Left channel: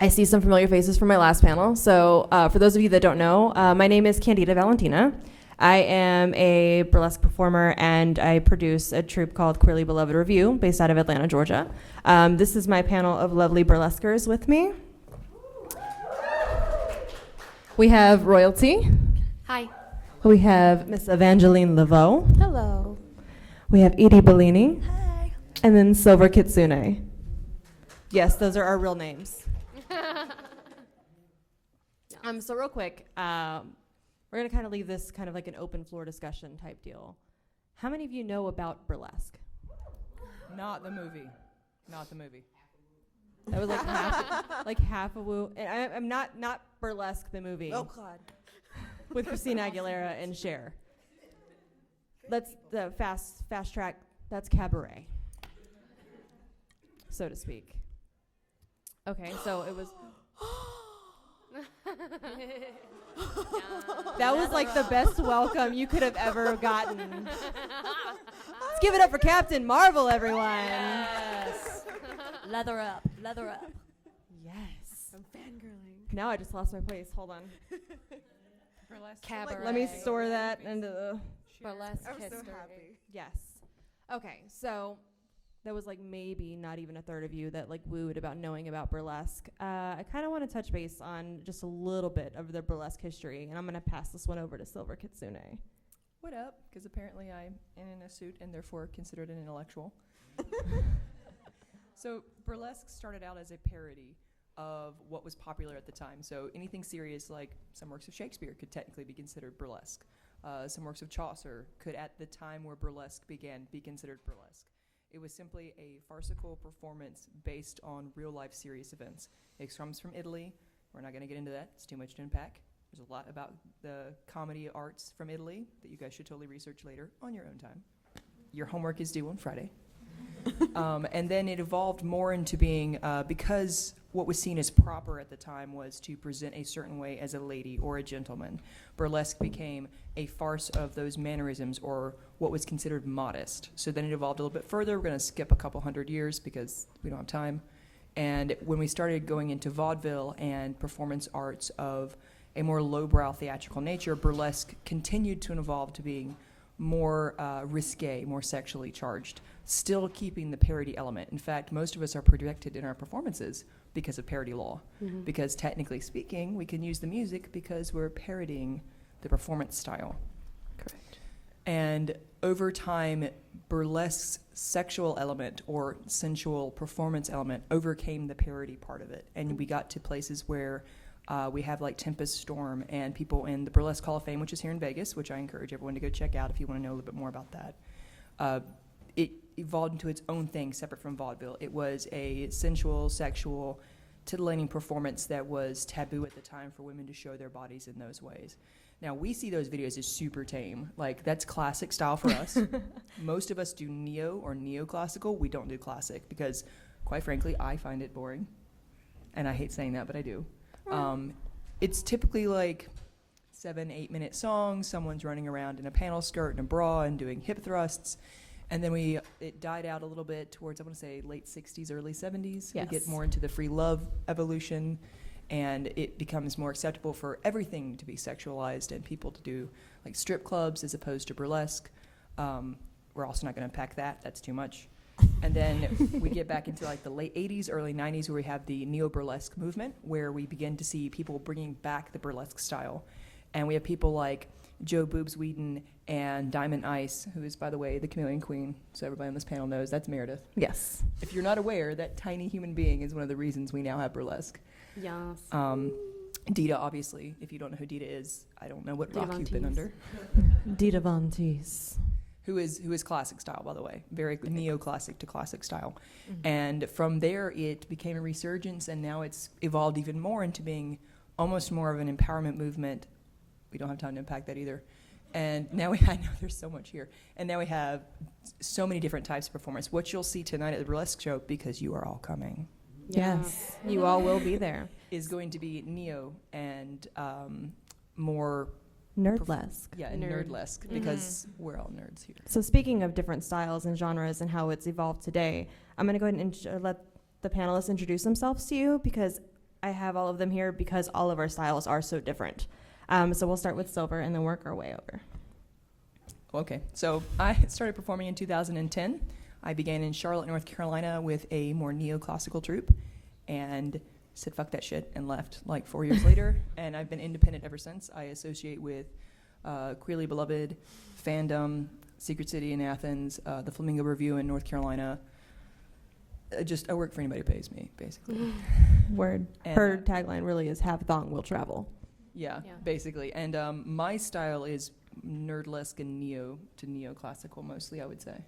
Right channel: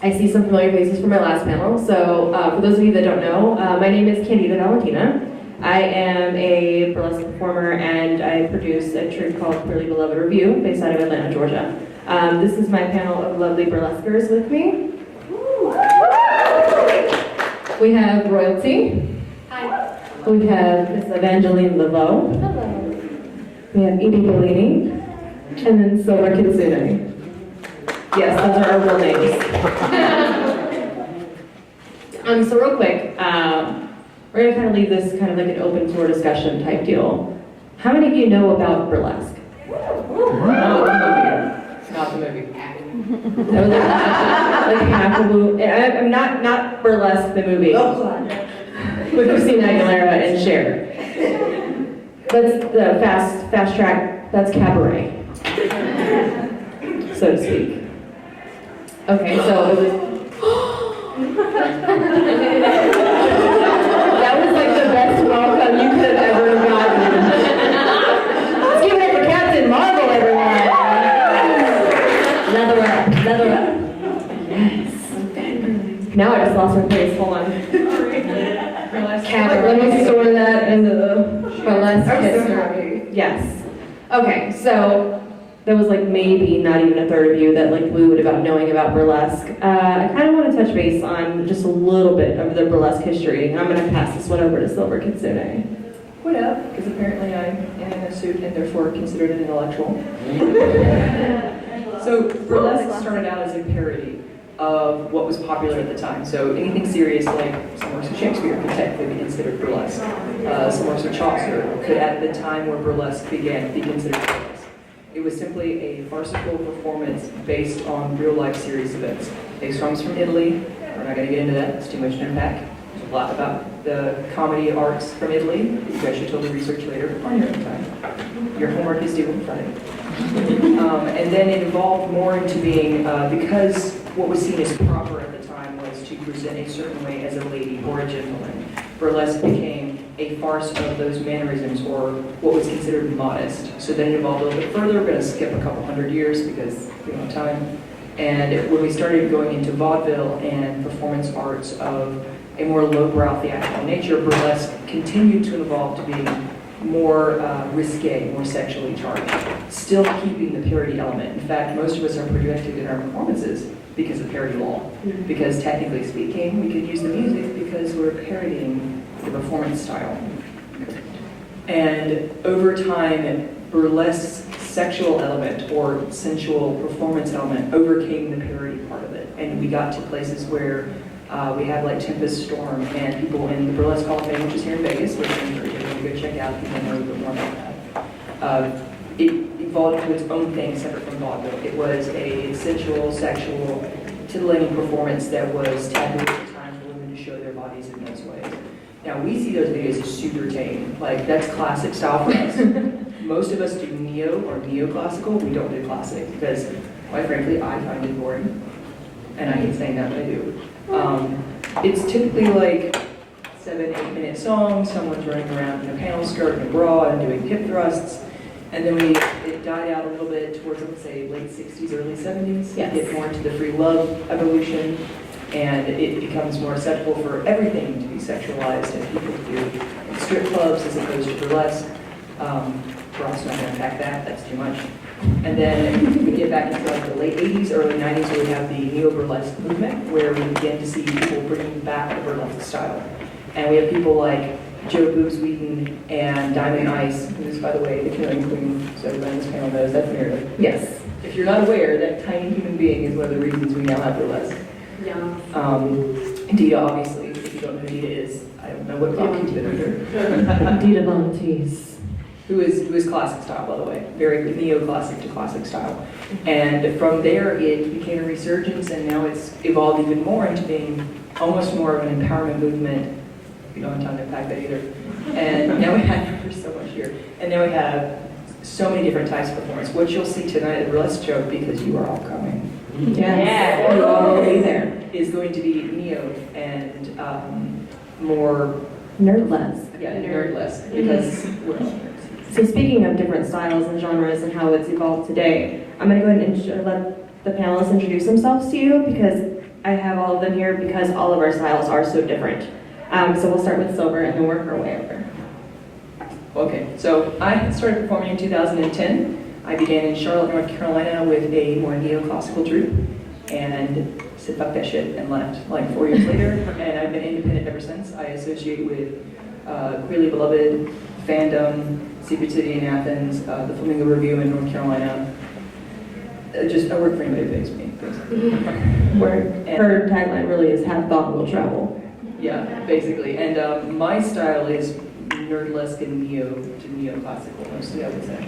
I see some familiar faces from my last panel. So for those of you that don't know, my name is Candida Valentina. I am a burlesque performer and I produce a troupe called Queerly Beloved Review based out of Atlanta, Georgia. This is my panel of lovely burlesquers with me. We have Royalty. Hi. We have Miss Evangeline Lovato. Hello. We have Edie, Bellini. And then Silver Kitsune. Yes, those are our real names. So real quick, we're gonna kind of leave this kind of like an open floor discussion type deal. How many of you know about burlesque? Not the movie. That was like half of the I'm not burlesque the movie. With Christina Aguilera and Cher. That's the fast track. That's cabaret, so to speak. Okay, so it was. That was like the best welcome you could have ever gotten. Let's give it up for Captain Marvel, everyone. Leather up. Yes. Now I just lost my place. Hold on. Let me store that into the burlesque history. Yes. Okay, so. There was like maybe not even a third of you that like wooed about knowing about burlesque. I kind of want to touch base on just a little bit of the burlesque history. I'm going to pass this one over to Silver Kitsune. What up? Because apparently I am in a suit and therefore considered an intellectual. So burlesque started out as a parody of what was popular at the time. So anything serious like some works of Shakespeare could technically be considered burlesque. Some works of Chaucer could at the time where burlesque began be considered burlesque. It was simply a farcical performance based on real-life serious events. It comes from Italy. We're not going to get into that. It's too much to unpack. There's a lot about the comedy arts from Italy. You guys should totally research later on your own time. Your homework is due on Friday. And then it evolved more into being, because what was seen as proper at the time was to present a certain way as a lady or a gentleman. Burlesque became a farce of those mannerisms, or what was considered modest. So then it evolved a little bit further. We're going to skip a couple hundred years because we don't have time. And when we started going into vaudeville and performance arts of a more lowbrow theatrical nature, burlesque continued to evolve to being more risque, more sexually charged, still keeping the parody element. In fact, most of us are projected in our performances because of parody law. Because technically speaking, we could use the music because we're parodying the performance style. And over time, burlesque's sexual element or sensual performance element overcame the parody part of it. And we got to places where we had like Tempest Storm and people in the Burlesque Hall of Fame, which is here in Vegas, which I'm encourage you to go check out if you want to know a bit more about that. It evolved into its own thing separate from vaudeville. It was a sensual, sexual, titillating performance that was taboo at the time for women to show their bodies in those ways. Now, we see those videos as super tame. Like, that's classic style for us. Most of us do neo or neoclassical. We don't do classic because, quite frankly, I find it boring. And I hate saying that, but I do. It's typically like 7-8 minute songs, someone's running around in a panel skirt and a bra and doing hip thrusts. And then it died out a little bit towards, let's say, late 60s, early 70s. Yes. It get more into the free love evolution. And it becomes more acceptable for everything to be sexualized, and people do strip clubs as opposed to burlesque. We're also not going to unpack that, that's too much. And then we get back into like the late 80s, early 90s, where we have the neo-burlesque movement, where we begin to see people bringing back the burlesque style. And we have people like Joe Boobs Wheaton and Diamond Ice, who's, by the way, the killing queen, so everyone in this panel knows that's Meredith. Yes. If you're not aware, that tiny human being is one of the reasons we now have burlesque. Yeah. Edie, obviously, if you don't know who Edie is, I don't know what block he's been under. Edie Volunteers. Who is classic style, by the way, very neo-classic to classic style. And from there, it became a resurgence, and now it's evolved even more into being almost more of an empowerment movement. We don't have time to unpack that either. And now we have, there's so much here. And then we have so many different types of performance. What you'll see tonight at the Burlesque Show, because you are all coming. Yes. Yeah, you all will be there. Is going to be neo and more Nerdlesque. Yeah, nerdlesque, because we're all nerds. So speaking of different styles and genres and how it's evolved today, I'm going to go ahead and the panelists introduce themselves to you, because I have all of them here because all of our styles are so different. So we'll start with Silver and then work our way over. Okay, so I started performing in 2010. I began in Charlotte, North Carolina with a more neoclassical troupe and said fuck that shit and left like 4 years later, and I've been independent ever since. I associate with Queerly Beloved, Fandom, Secret City in Athens, the Flamingo Review in North Carolina. I work for anybody who pays me, basically. Her tagline really is "Have thought will travel." Yeah, basically. And my style is nerdlesque and neoclassical, mostly, I would say.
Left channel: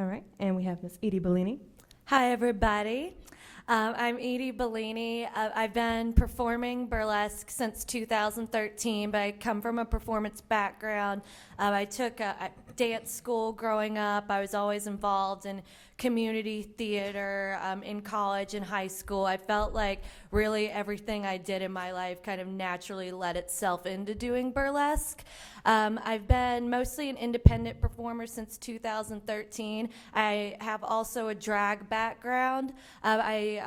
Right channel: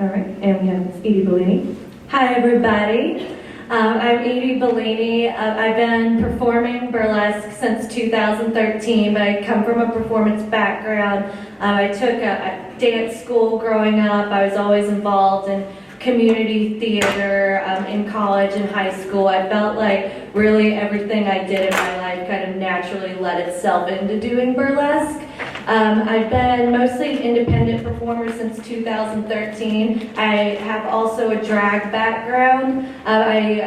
All right, and we have Edie Bellini. Hi, everybody. I'm Edie Bellini. I've been performing burlesque since 2013, but I come from a performance background. I took a dance school growing up. I was always involved in community theater in college and high school. I felt like really everything I did in my life kind of naturally led itself into doing burlesque. I've been mostly an independent performer since 2013. I have also a drag background. I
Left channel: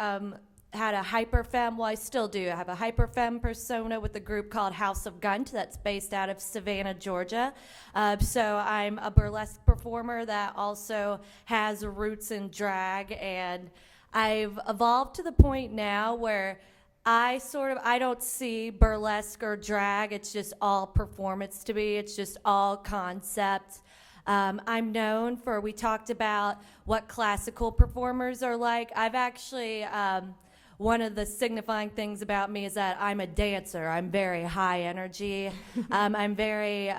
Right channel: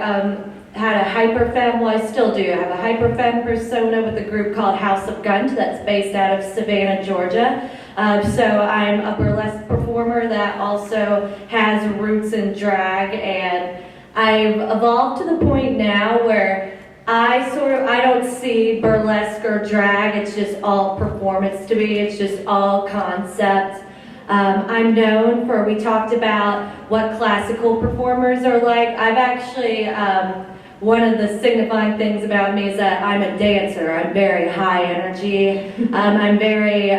had a hyperfemme, well I still do, I have a hyperfemme persona with a group called House of Gunt that's based out of Savannah, Georgia. So I'm a burlesque performer that also has roots in drag, and I've evolved to the point now where I don't see burlesque or drag, it's just all performance to me, it's just all concept. I'm known for, we talked about what classical performers are like. I've actually, one of the signifying things about me is that I'm a dancer. I'm very high energy. I'm very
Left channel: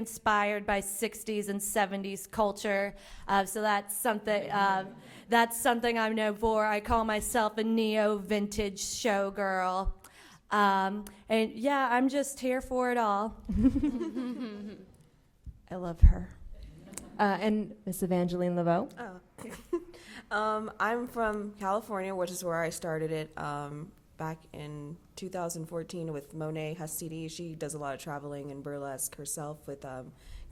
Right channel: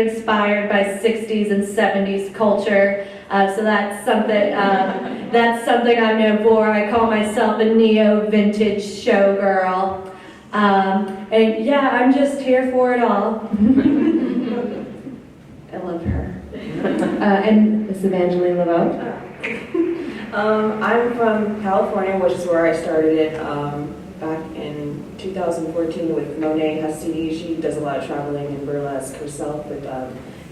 inspired by 60s and 70s culture. So that's something I'm known for. I call myself a neo-vintage showgirl. And yeah, I'm just here for it all. I love her. And Miss Evangeline Lovato. I'm from California, which is where I started it back in 2014 with Monet Hastini. She does a lot of traveling in burlesque herself, with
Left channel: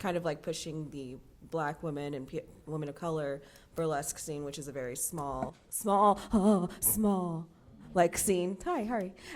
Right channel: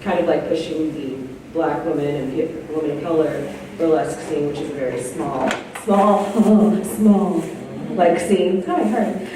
kind of like pushing the Black women and women of color burlesque scene, which is a very small like scene. Hi.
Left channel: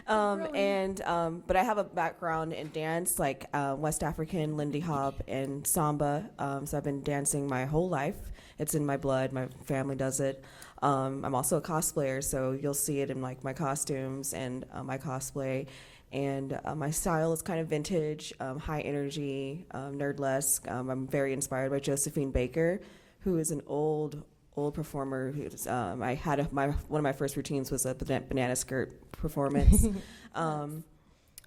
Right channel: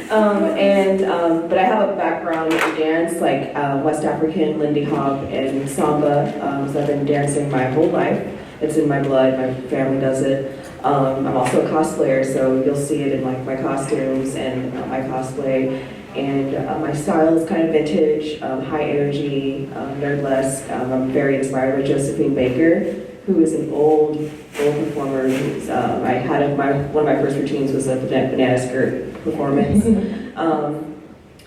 But I have a background in dance, like West African, Lindy Hop, and Samba. So I've been dancing my whole life. It's in my blood. My family does it. I'm also a cosplayer, so you'll see it in like my costumes and my cosplay. And my style is kind of vintage, high energy, nerdlesque. I'm very inspired by Josephine Baker, who is an old performer. I had one of my first routines was a banana skirt performance.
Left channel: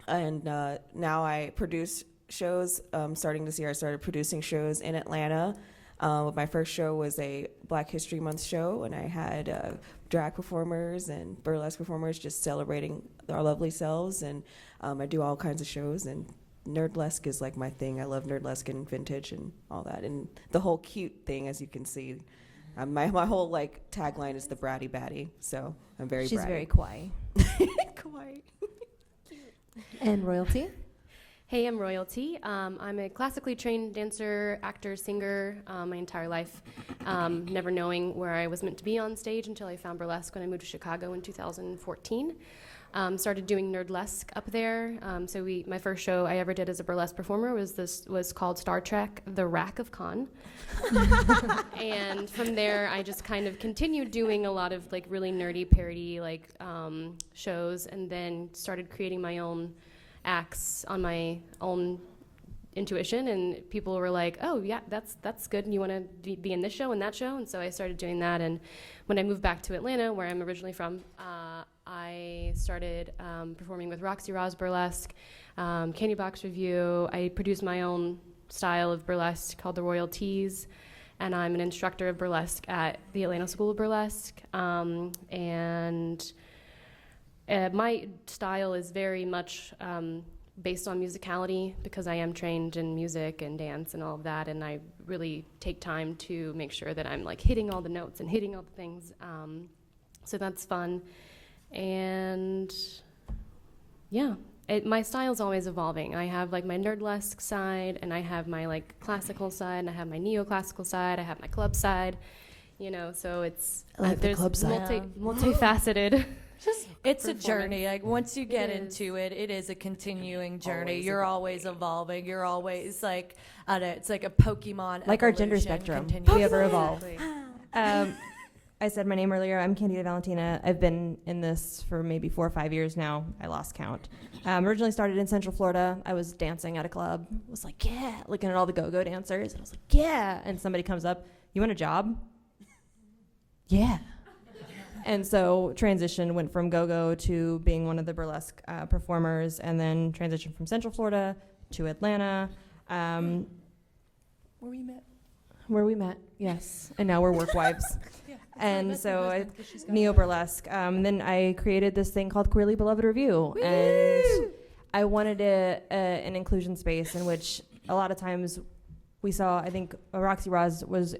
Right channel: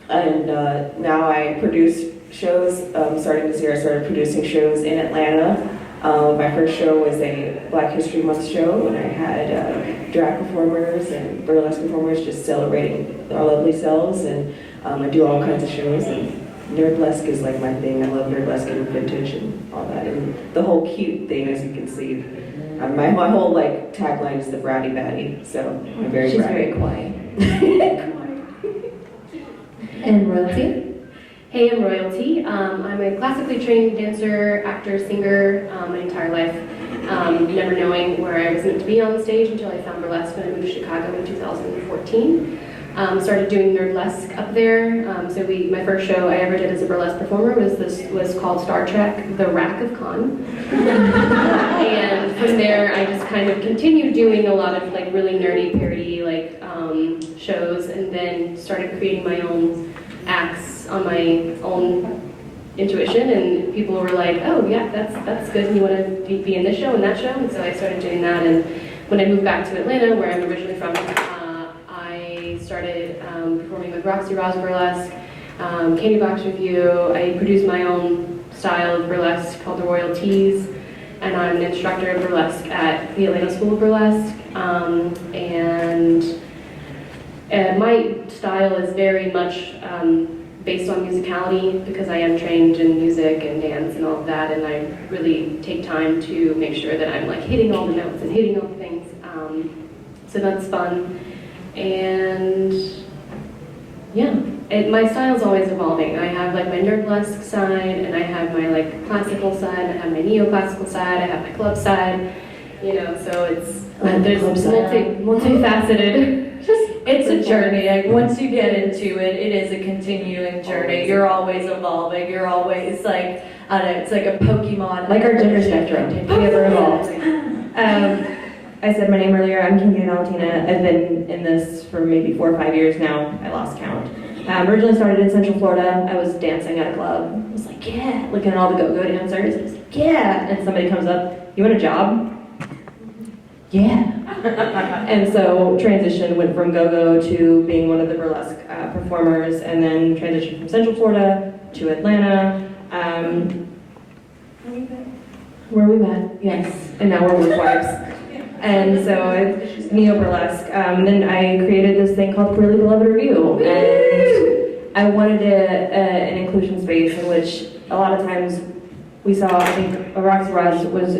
Now I produce shows. Starting this year, I started producing shows in Atlanta. My first show was a Black History Month show, and I had drag performers and burlesque performers just celebrating our lovely selves, and I do all kinds of shows, and nerdlesque is like my thing. I love nerdlesque and vintage and all that, and the whole cute thing, as you can see. My whole like tagline is the bratty baddie, so I'm very She's bratty. very quiet. And Royalty? Hey, I'm Royalty. I'm a classically trained dancer, actor, singer my entire life, never knowing where I was meant to be on stage until I found burlesque when I moved to Chicago in 2014. Started doing nerdlesque up there. My first show I ever did as a burlesque performer was called Star Trek: The Wrath of Khan. And from there, I just kind of continued doing a lot of like really nerdy parody shows, and then started creating my own acts on my own intuition, and people were like, oh yeah, that's good, and you want to be in this show and that show, and so I started doing that. And when I moved back to Atlanta, where I'm originally from, I started performing with Roxy Roz Burlesque, Candy Box Review. I produced my own style of burlesque called the Royalties, and I'm an instructor of burlesque at the Atlanta School of Burlesque, and my style is very much based on musicality, because I am trained in music and dance and all of that, and I really take time to make sure that I'm like hitting all the notes and hitting all the things. So that's fun. And yeah, my style's always evolving. I have like my nerdlesque side, and I have my like classical side, I have my neoclassical side, I have my club side. you know, so it's, Like there's multifaceted. It's a journey. Like once you get into it, it is a continuing journey. You're always evolving. You're always like, I don't know, it's like a Pokemon. Like our gender spectrum. We ever evolved. I said my name earlier. I'm Candida, Valentina. I've been in this for maybe 4 or 5 years now. I lost count. Originally started in Central Florida. I was dancing at a club. I was like, yeah, looking at all the go-go dancers. I was like, yeah. And somebody comes up, you want a job? Yeah. And so transition went from go-go to being one of the burlesque performers, and then transitioned from Central Florida to Atlanta. Where we met, yes. And now we're midwives. And so neo-burlesque. Then I created this thing called Queerly Beloved Review. And I wanted an inclusion space in which a lot of times we saw, I think, Roxy Roz was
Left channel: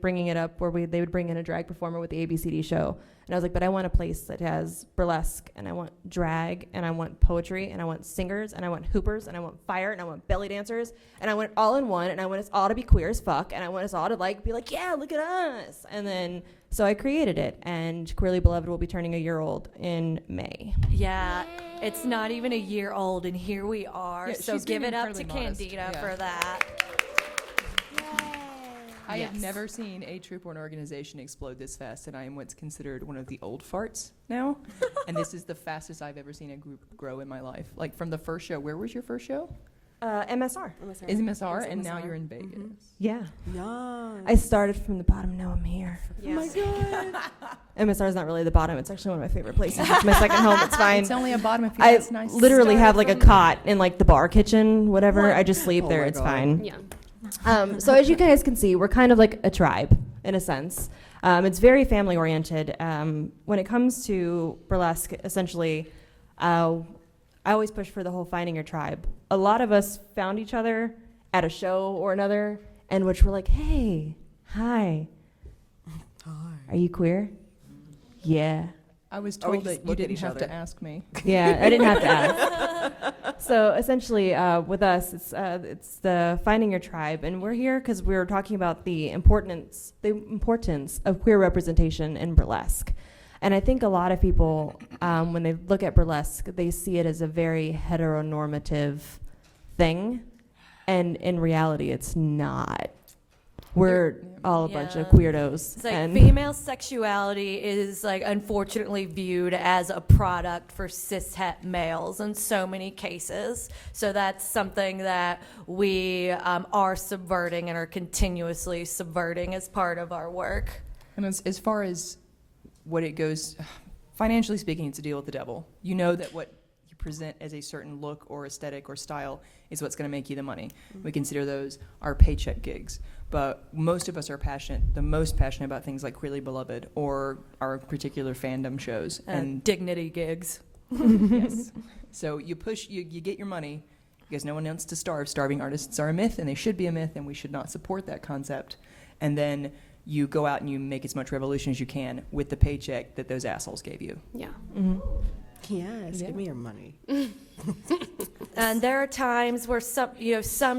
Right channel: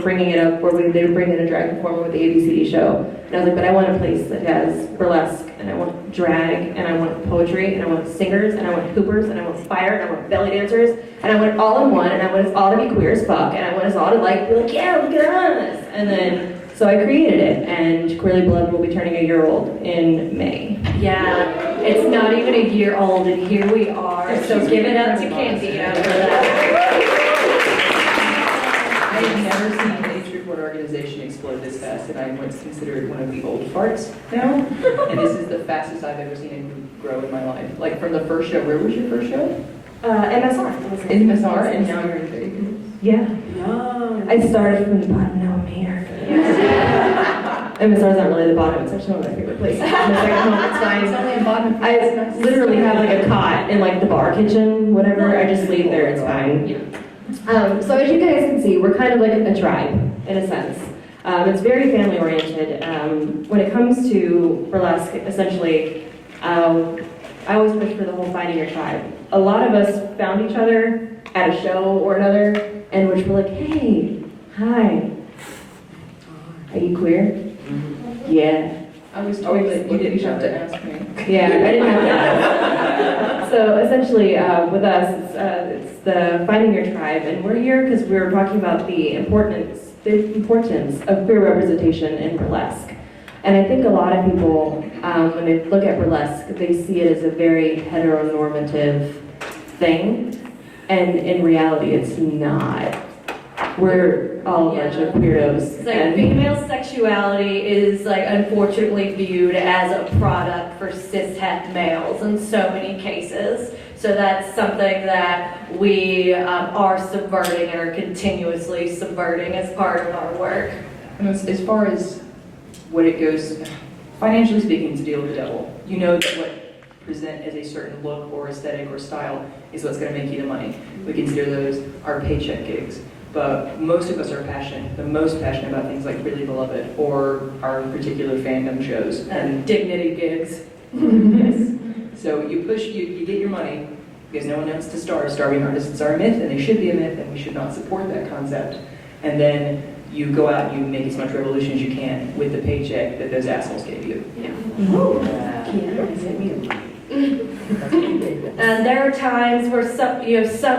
bringing it up where they would bring in a drag performer with the ABCD show. And I was like, but I want a place that has burlesque, and I want drag, and I want poetry, and I want singers, and I want hoopers, and I want fire, and I want belly dancers, and I want it all in one, and I want us all to be queer as fuck, and I want us all to be like, yeah, look at us. And then, so I created it, and Queerly Beloved will be turning a year old in May. Yeah, it's not even a year old, and here we are. So give it up to Candida for that. I have never seen an age report organization explode this fast, and I once considered one of the old farts now. And this is the fastest I've ever seen a group grow in my life. Like from the first show, where was your first show? MSR. In MSR, and now you're in Vegas. Yeah. I started from the bottom, now I'm here. MSR is not really the bottom, it's actually one of my favorite places. It's my second home, it's fine. I literally have like a cot in like the bar kitchen, whatever. I just sleep there, it's fine. Yeah. So as you guys can see, we're kind of like a tribe, in a sense. It's very family oriented. When it comes to burlesque, essentially, I always push for the whole finding your tribe. A lot of us found each other at a show or another, and which were like, hey, hi, are you queer? Yeah. I was told that you didn't have to ask me. Yeah, I didn't have to ask. So essentially, with us, it's the finding your tribe, and we're here because we're talking about the importance of queer representation in burlesque. And I think a lot of people, when they look at burlesque, they see it as a very heteronormative thing, and in reality, it's not. We're all a bunch of weirdos. It's like female sexuality is like unfortunately viewed as a product for cishet males in so many cases. So that's something that we are subverting and are continuously subverting as part of our work. And as far as what it goes, financially speaking, it's a deal with the devil. You know that what present as a certain look or aesthetic or style is what's going to make you the money. We consider those our paycheck gigs. But most of us are the most passionate about things like Queerly Beloved or our particular fandom shows. And dignity gigs. Yes. So you push, you get your money because no one wants to starve. Starving artists are a myth, and they should be a myth, and we should not support that concept. And then you go out and you make as much revolution as you can with the paycheck that those assholes gave you. Yeah. And there are times where some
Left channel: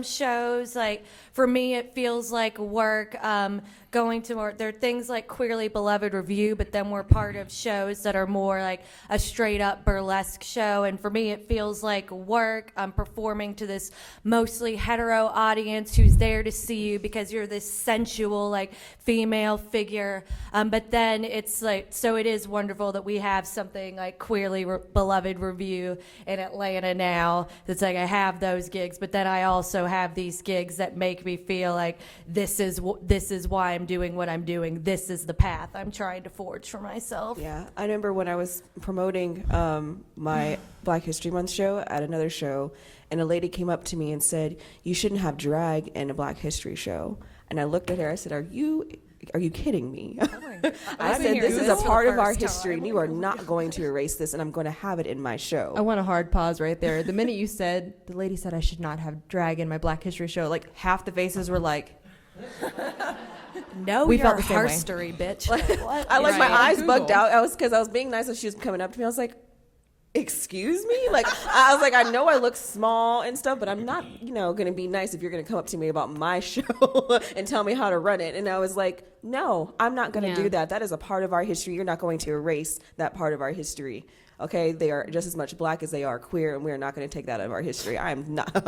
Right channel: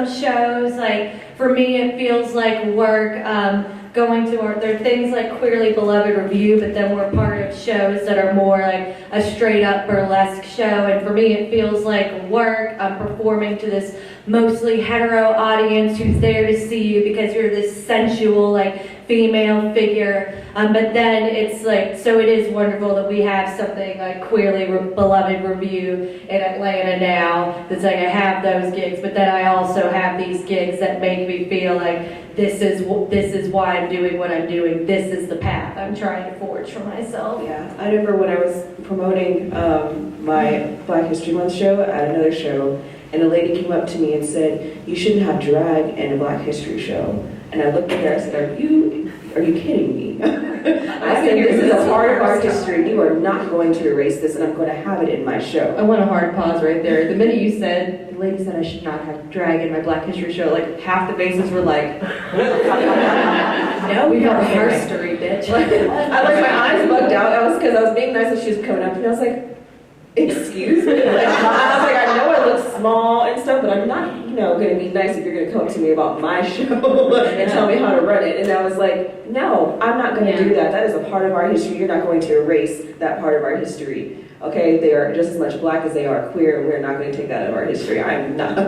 shows, like for me, it feels like work. Going to work, there are things like Queerly Beloved Review, but then we're part of shows that are more like a straight up burlesque show. And for me, it feels like work. I'm performing to this mostly hetero audience who's there to see you because you're this sensual, like female figure. But then it's like, so it is wonderful that we have something like Queerly Beloved Review in Atlanta now. That's like I have those gigs, but then I also have these gigs that make me feel like this is why I'm doing what I'm doing. This is the path I'm trying to forge for myself. Yeah, I remember when I was promoting my Black History Month show at another show, and a lady came up to me and said, "You shouldn't have drag in a Black History show." And I looked at her, I said, Are you kidding me? I said, this is a part of our history. You are not going to erase this, and I'm going to have it in my show. I want a hard pause right there. The minute you said, the lady said I should not have drag in my Black History show, like half the faces were like, No, we felt history, bitch. I my eyes bugged out. That was because I was being nice and she was coming up to me. I was like, excuse me? Like, I was like, I know I look small and stuff, but I'm not, gonna be nice if you're gonna come up to me about my show and tell me how to run it. And I was like, no, I'm not gonna do that. That is a part of our history. You're not going to erase that part of our history. Okay, they are just as much black as they are queer, and we're not going to take that out of our history. I'm not. I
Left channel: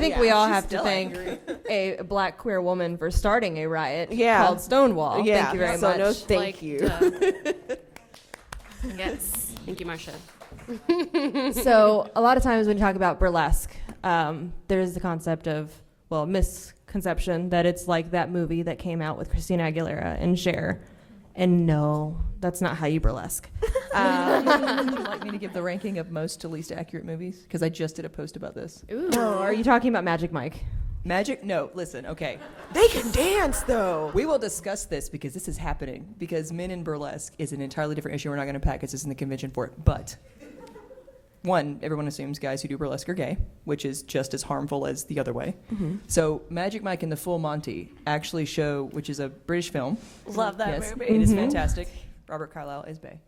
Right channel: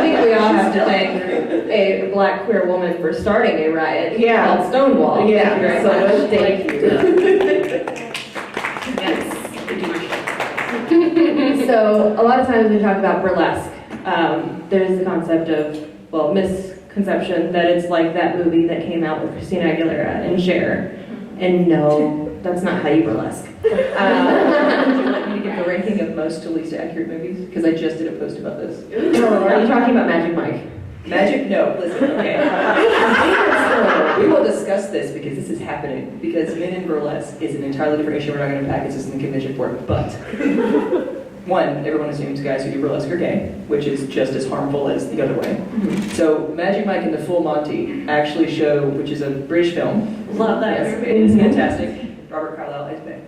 think we all have to thank a black queer woman for starting a riot called Stonewall. Yeah, Thank you very so much. thank you. Yes, we do my show. So a lot of times we talk about burlesque. There's the concept of, misconception that it's like that movie that came out with Christina Aguilera and Cher. And no, that's not how you burlesque. Would you like me to give the ranking of most to least accurate movies? Because I just did a post about this. Are you talking about Magic Mike? Magic? No, listen, okay. We will discuss this because this is happening. Because men in burlesque is an entirely different issue. We're not going to package this in the convention for it. But, one, everyone assumes guys who do burlesque are gay, which is just as harmful as the other way. So, Magic Mike and the Full Monty actually show, which is a British film. Love that Yes, movie. it is fantastic. Robert Carlyle is back.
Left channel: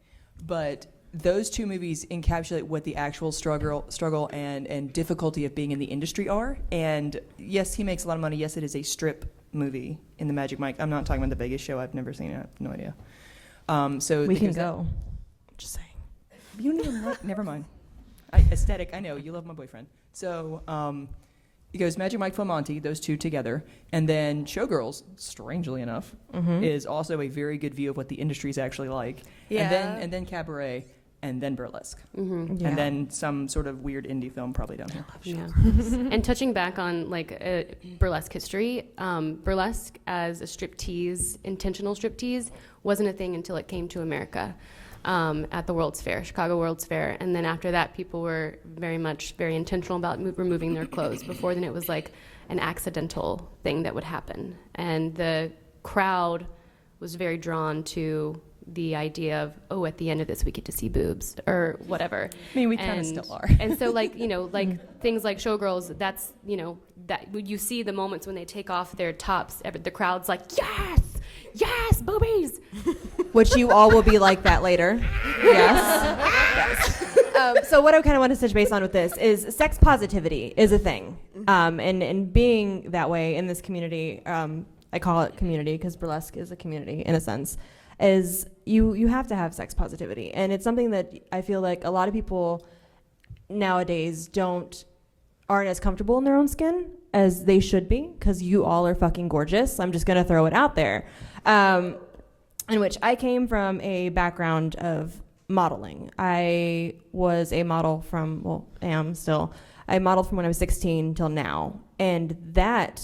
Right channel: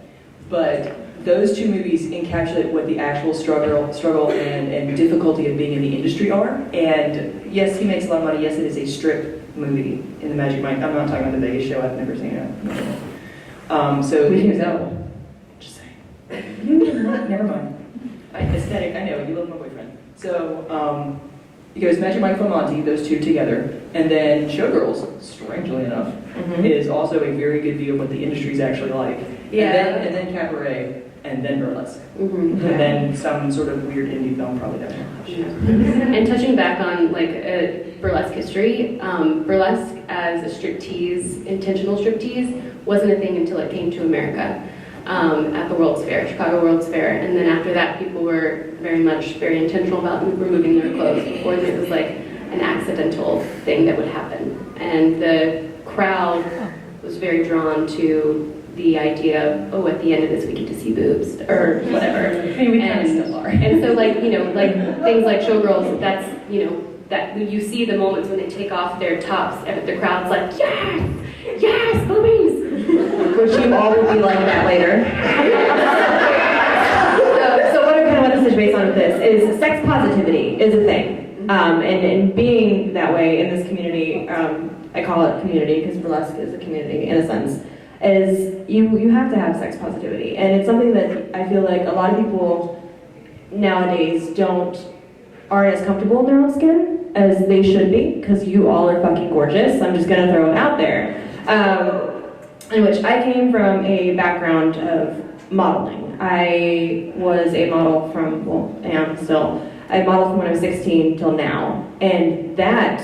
But those two movies encapsulate what the actual struggle and difficulty of being in the industry are. And yes, he makes a lot of money. Yes, it is a strip movie in the Magic Mike. I'm not talking about the Vegas show. I've never seen it. So We can know. just saying. Never mind. Aesthetic. I know you love my boyfriend. So he goes Magic Mike Full Monty, those two together, and then Showgirls. Strangely enough, is also a very good view of what the industry is actually like. Yeah. And then Cabaret, and then Burlesque. Mm-hmm. And then some sort of weird indie film probably doesn't. And touching back on burlesque history, burlesque as a striptease, intentional striptease, wasn't a thing until it came to America at the World's Fair, Chicago World's Fair. And then after that, people were very intentional about removing their clothes. Before it was like an accidental thing that would happen. And the crowd was very drawn to the idea of, at the end of this we get to see boobs, or whatever. I mean, we kind of still are. And so things like Showgirls, that's, that when you see the moments when they take off their tops, and the crowd's like, yes, boobies! Which you all will be like that later. Yes. So what I kind of want to touch base on with this is sex positivity is a thing. And being that way in this community, I call it community because burlesque is a community in a sense, is you have to have sex positivity. And it's something that I feel like a lot of people nowadays aren't as comfortable in their own skin as they should be, because you all are fucking gorgeous. I'm just gonna throw it out there. In which I came from a background of modeling. I was a model am still. I modeled from when I was 16 till now. And that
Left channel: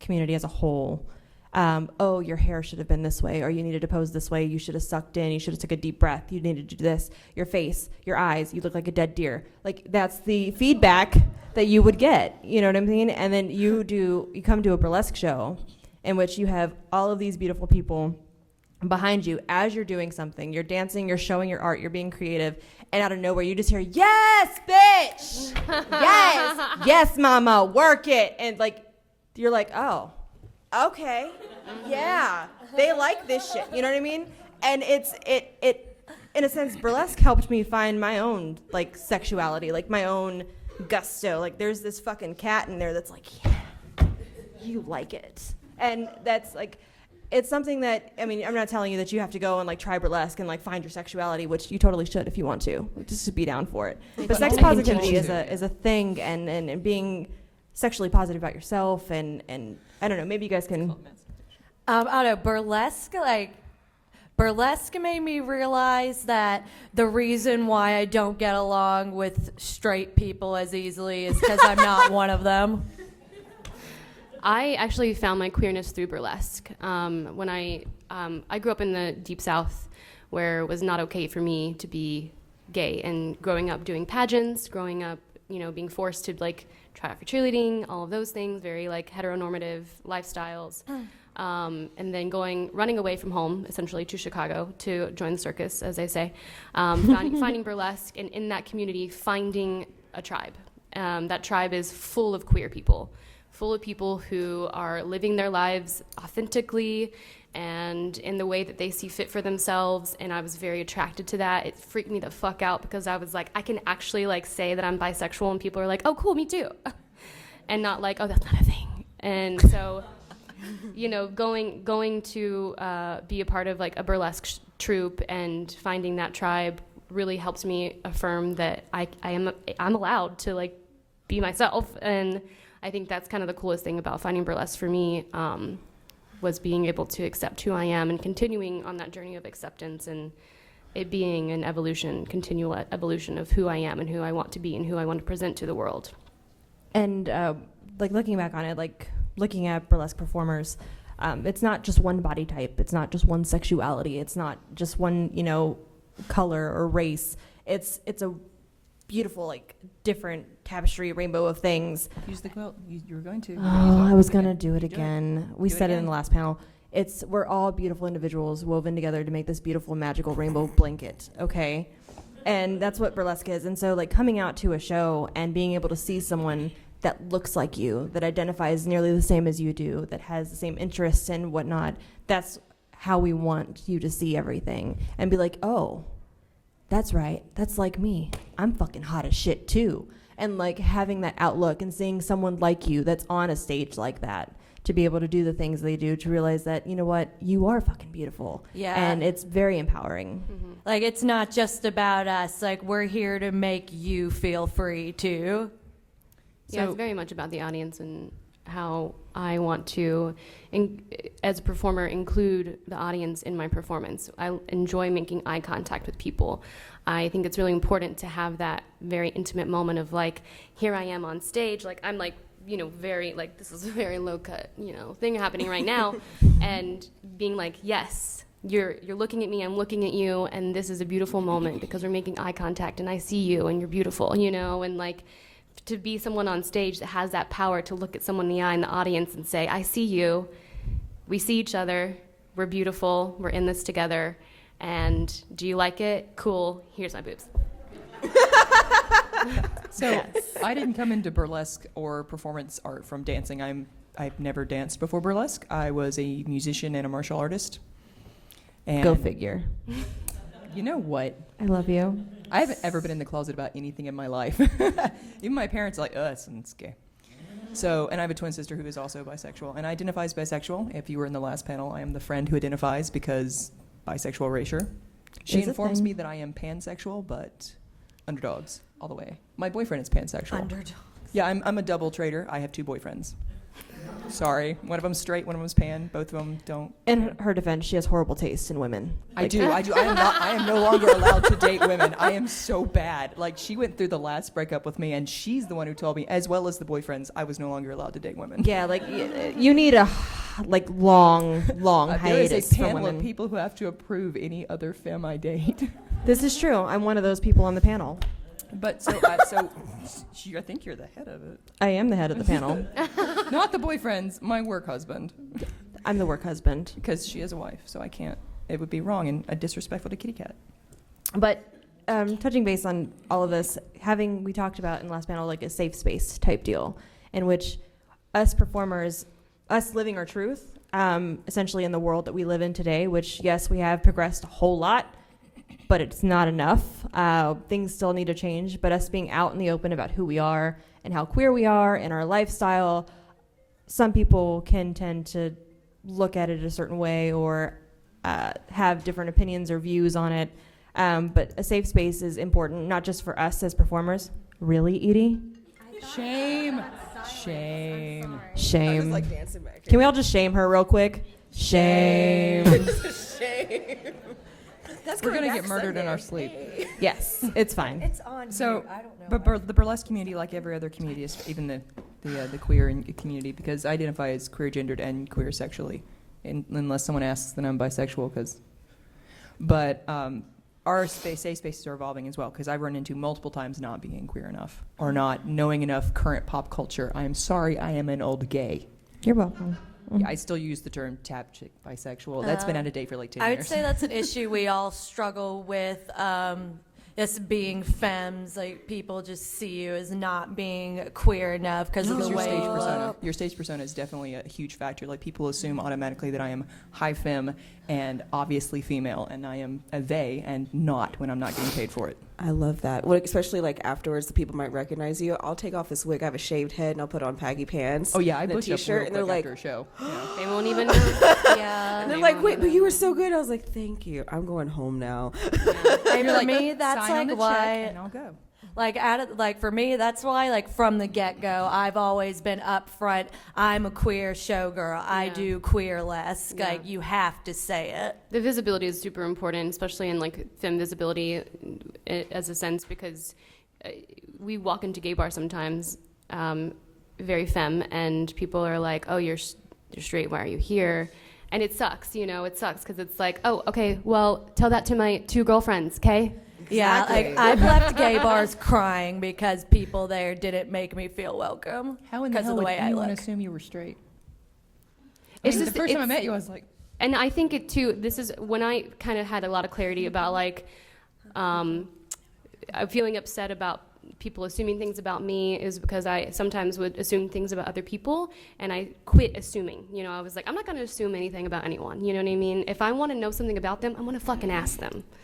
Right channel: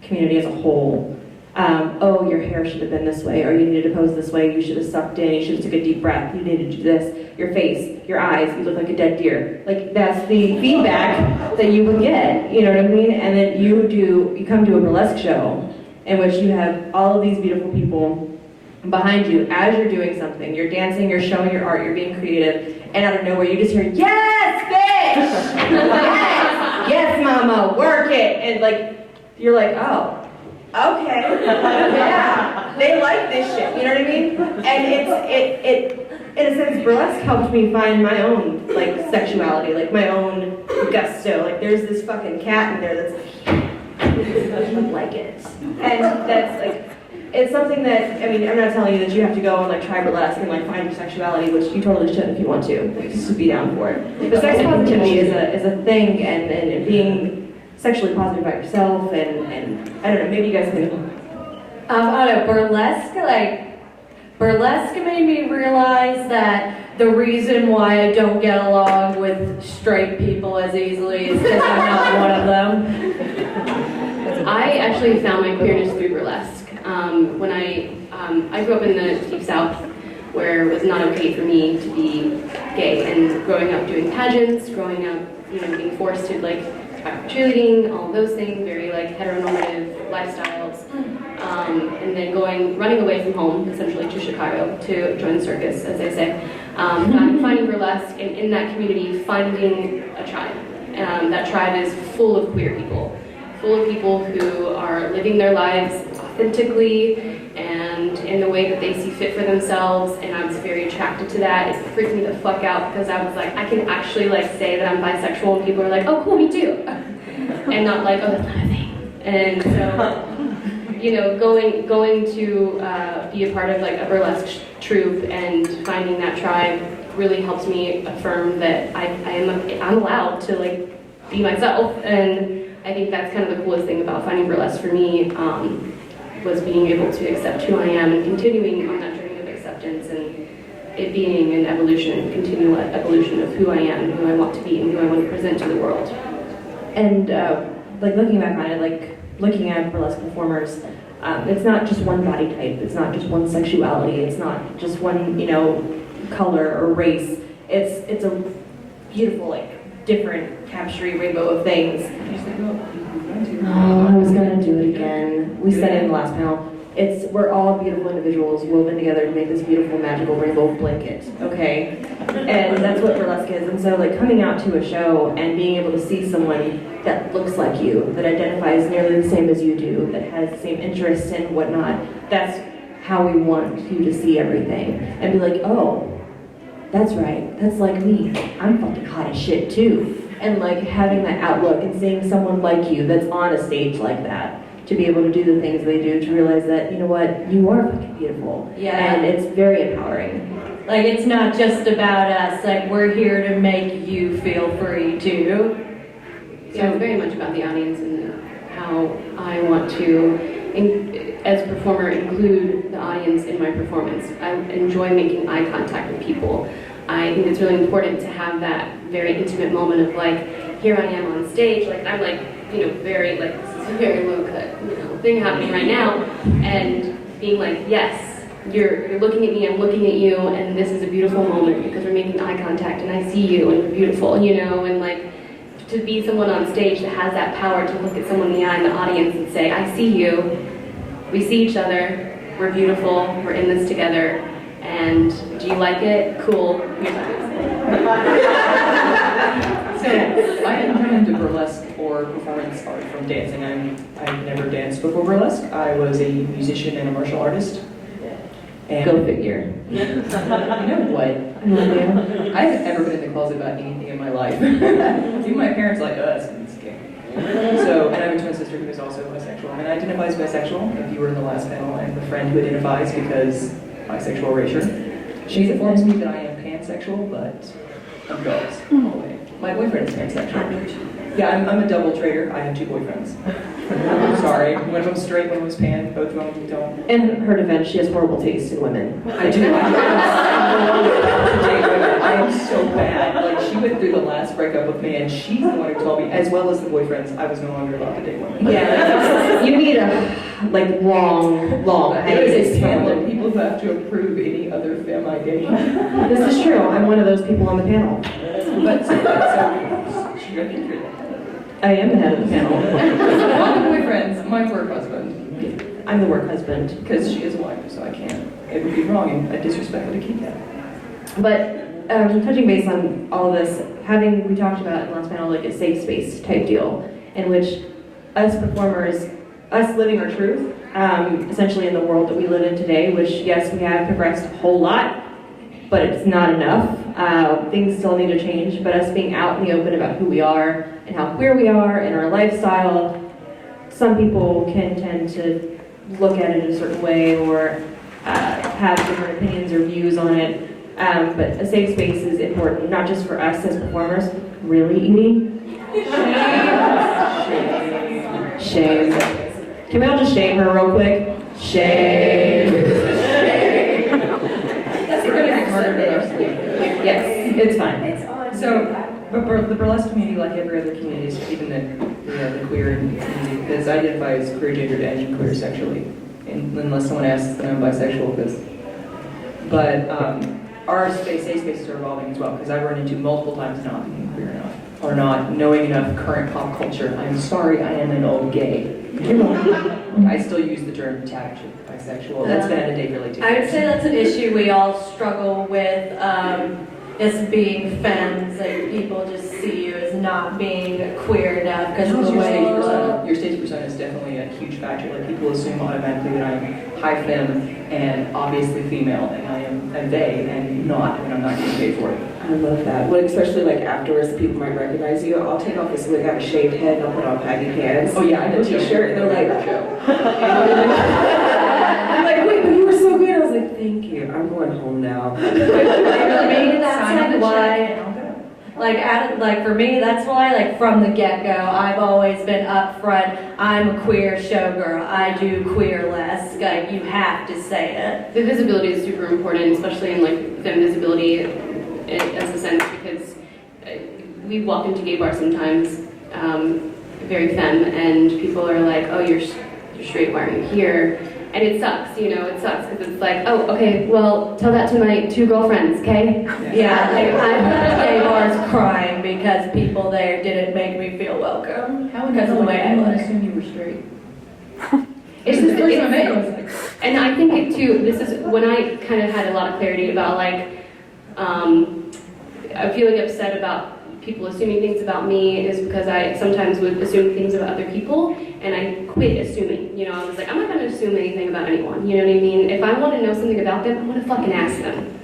community as a whole, your hair should have been this way, or you needed to pose this way, you should have sucked in, you should have took a deep breath, you needed to do this, your face, your eyes, you look like a dead deer. Like, that's the feedback that you would get, you know what I mean? And then you come to a burlesque show in which you have all of these beautiful people behind you as you're doing something. You're dancing, you're showing your art, you're being creative, and out of nowhere you just hear, yes, bitch! Yes, mama, work it! And you're like, oh, okay, yeah, they like this shit, you know what I mean? And it in a sense, burlesque helped me find my own, sexuality, my own gusto. There's this fucking cat in there that's like it. And that's, it's something that, I'm not telling you that you have to go and try burlesque and find your sexuality, which you totally should if you want to. Just be down for it. But sex positivity is a thing, and being sexually positive about yourself, and I don't know, maybe you guys think. Burlesque made me realize that the reason why I don't get along with straight people as easily is because I'm not one of them. I actually found my queerness through burlesque. When I grew up in the Deep South, where it was not okay for me to be gay, and growing up doing pageants, growing up, being forced to try cheerleading, all of those things, very heteronormative lifestyles, and then running away from home, essentially to Chicago to join the circus, as they say, finding burlesque, and in that community, finding a tribe. That tribe is full of queer people. Full of people who are living their lives authentically and and in the way that they see fit for themselves, and I was very attracted to that. It freaked me the fuck out because I was like, I can actually like say that I'm bisexual and people are like, oh cool, me too. And not like, oh, that's not a thing. And so, you know, going to be a part of like a burlesque troupe and finding that tribe really helps me affirm that I'm allowed to like be myself. And I think that's kind of the coolest thing about finding burlesque for me, was being able to accept who I am and continuing on that journey of acceptance and it being an evolution, continual evolution of who I am and who I want to be and who I want to present to the world. And like looking back on it, like looking at burlesque performers, it's not just one body type, it's not just one sexuality, it's not just one, you know, color or race. It's a beautiful, like, different tapestry rainbow of things. Oh, I was gonna do it again. We said it in the last panel. We're all beautiful individuals woven together to make this beautiful magical rainbow blanket, okay? And that's what burlesque is. And so like coming out to a show and being able to see someone that looks like you, that identifies nearly the same as you do, that has the same interests and whatnot, that's how we want you to see everything. And be like, oh, that's right, that's like me. I'm fucking hot as shit too. And like having that outlook and seeing someone like you that's on a stage like that, to be able to do the things they do, to realize that, you know what, you are fucking beautiful. Yeah. And it's very empowering. Like, it's not just about us, like, we're here to make you feel free too. So it's very much about the audience and how I want to, as a performer, include the audience in my performance. I enjoy making eye contact with people. I think it's really important to have that very intimate moment of like, here I am on stage, like I'm like, you know, very like, this is a very low cut, you know, thing happening right now, and being like, yes, you're looking at me, I'm looking at you, and this is a beautiful moment because we're making eye contact and I see you and you're beautiful, you know, and like, to be someone on stage that has that power to look at someone in the eye in the audience and say, I see you, we see each other, we're beautiful, we're in this together, and do you like it? Cool. Here's what it So I didn't come into burlesque or performance art from dancing. I've never danced before burlesque. I was a musician and a martial artist. And Go figure. you know what? I love you. I haven't ever been in the closet about anything in my life. Even my parents are like, oh, that's okay. So, and I have a twin sister who is also bisexual and identifies bisexual, if you were in the last panel, and the friend who identifies because bisexual erasure. She informs me that I am pansexual, but I'm girls all the way. My boyfriend is pansexual. Yeah, I'm a double trader. I have 2 boyfriends. Sorry, one of them's straight, one of them's pan. Both of them don't. In her defense, she has horrible taste in women. I do. I'm no longer allowed to date women. I am so bad. Like, she went through the last breakup with me, and she's the one who told me, as well as the boyfriends, I was no longer allowed to date women. Yeah, like, you need a long There is hiatus a from panel of women. people who have to approve any other femme I date. This is true. I'm one of those people on the panel. But so I think you're the head of it. I am the head of the panel. Not the boyfriends, my work husband. I'm the work husband. Because she is a wife, so I can't. It would be wrong and disrespectful to keep that. But touching base on all this, we talked about in the last panel like a safe space type deal, in which us performers, us living our truth, essentially in the world that we live in today, which yes, we have progressed a whole lot, but it's not enough. Things still need to change, but us being out in the open about who we are and how queer we are and our lifestyle, some people can tend to look at it a certain way or have different opinions or views on it. But a safe space is important, not just for us as performers. Really, Edie? Shame. Can we all just shame her real quick? Shame. That's we're gonna get murdered in our sleep. Yes, it's fine. So, but the burlesque community, like every other community, even the queer community, because I identify as queer gendered and queer sexually, unless someone asks that I'm bisexual, but our safe spaces are evolving as well, because I've run into multiple times not being queer enough, or not knowing enough current pop culture. I'm sorry, I am an old gay. I still use the term tagged bisexual. That's been out of date really too. I would say that's an issue we all struggle with, as being femmes, like people just see you as not being queer enough because of the way you look. your stage persona is definitely a huge factor. Like people assume automatically that I'm high femme and obviously female, and I am a they and not when I'm not getting paid for it. I love that. Well, especially like afterwards, people might recognize you. I'll take off this wig, I have a shaved head, and I'll put on baggy pants. Oh yeah, I and know a t-shirt. They're like, show. I'm like, wait, but you were so good. I was like, thank you. I'm going home now. For me, that's like why. Like for me, that's why, like from the get-go, I've always been upfront. I'm a queer showgirl. I do queerlesque. Like you have to say it. The visibility is super important, especially in like femme visibility, as a sense, because we walk into gay bars sometimes, very femme, and people are like, "Oh, you're straight. Why are you here?" And it sucks, it sucks because it's like, oh, okay, well, tell that to my 2 girlfriends, okay? Yeah, like I've left gay bars crying because people there didn't make me feel welcome. Because of the way I look. assume you were straight. It's just, and I think it too, this is when I kind of had a lot of clarity about like, I'm feeling upset about people assuming things about me is because I sometimes would assume things about other people, and I quit assuming. I was like, I'm not going to assume anything about anyone. You know what I mean? If I want to know something about them, I'm going to fucking ask them.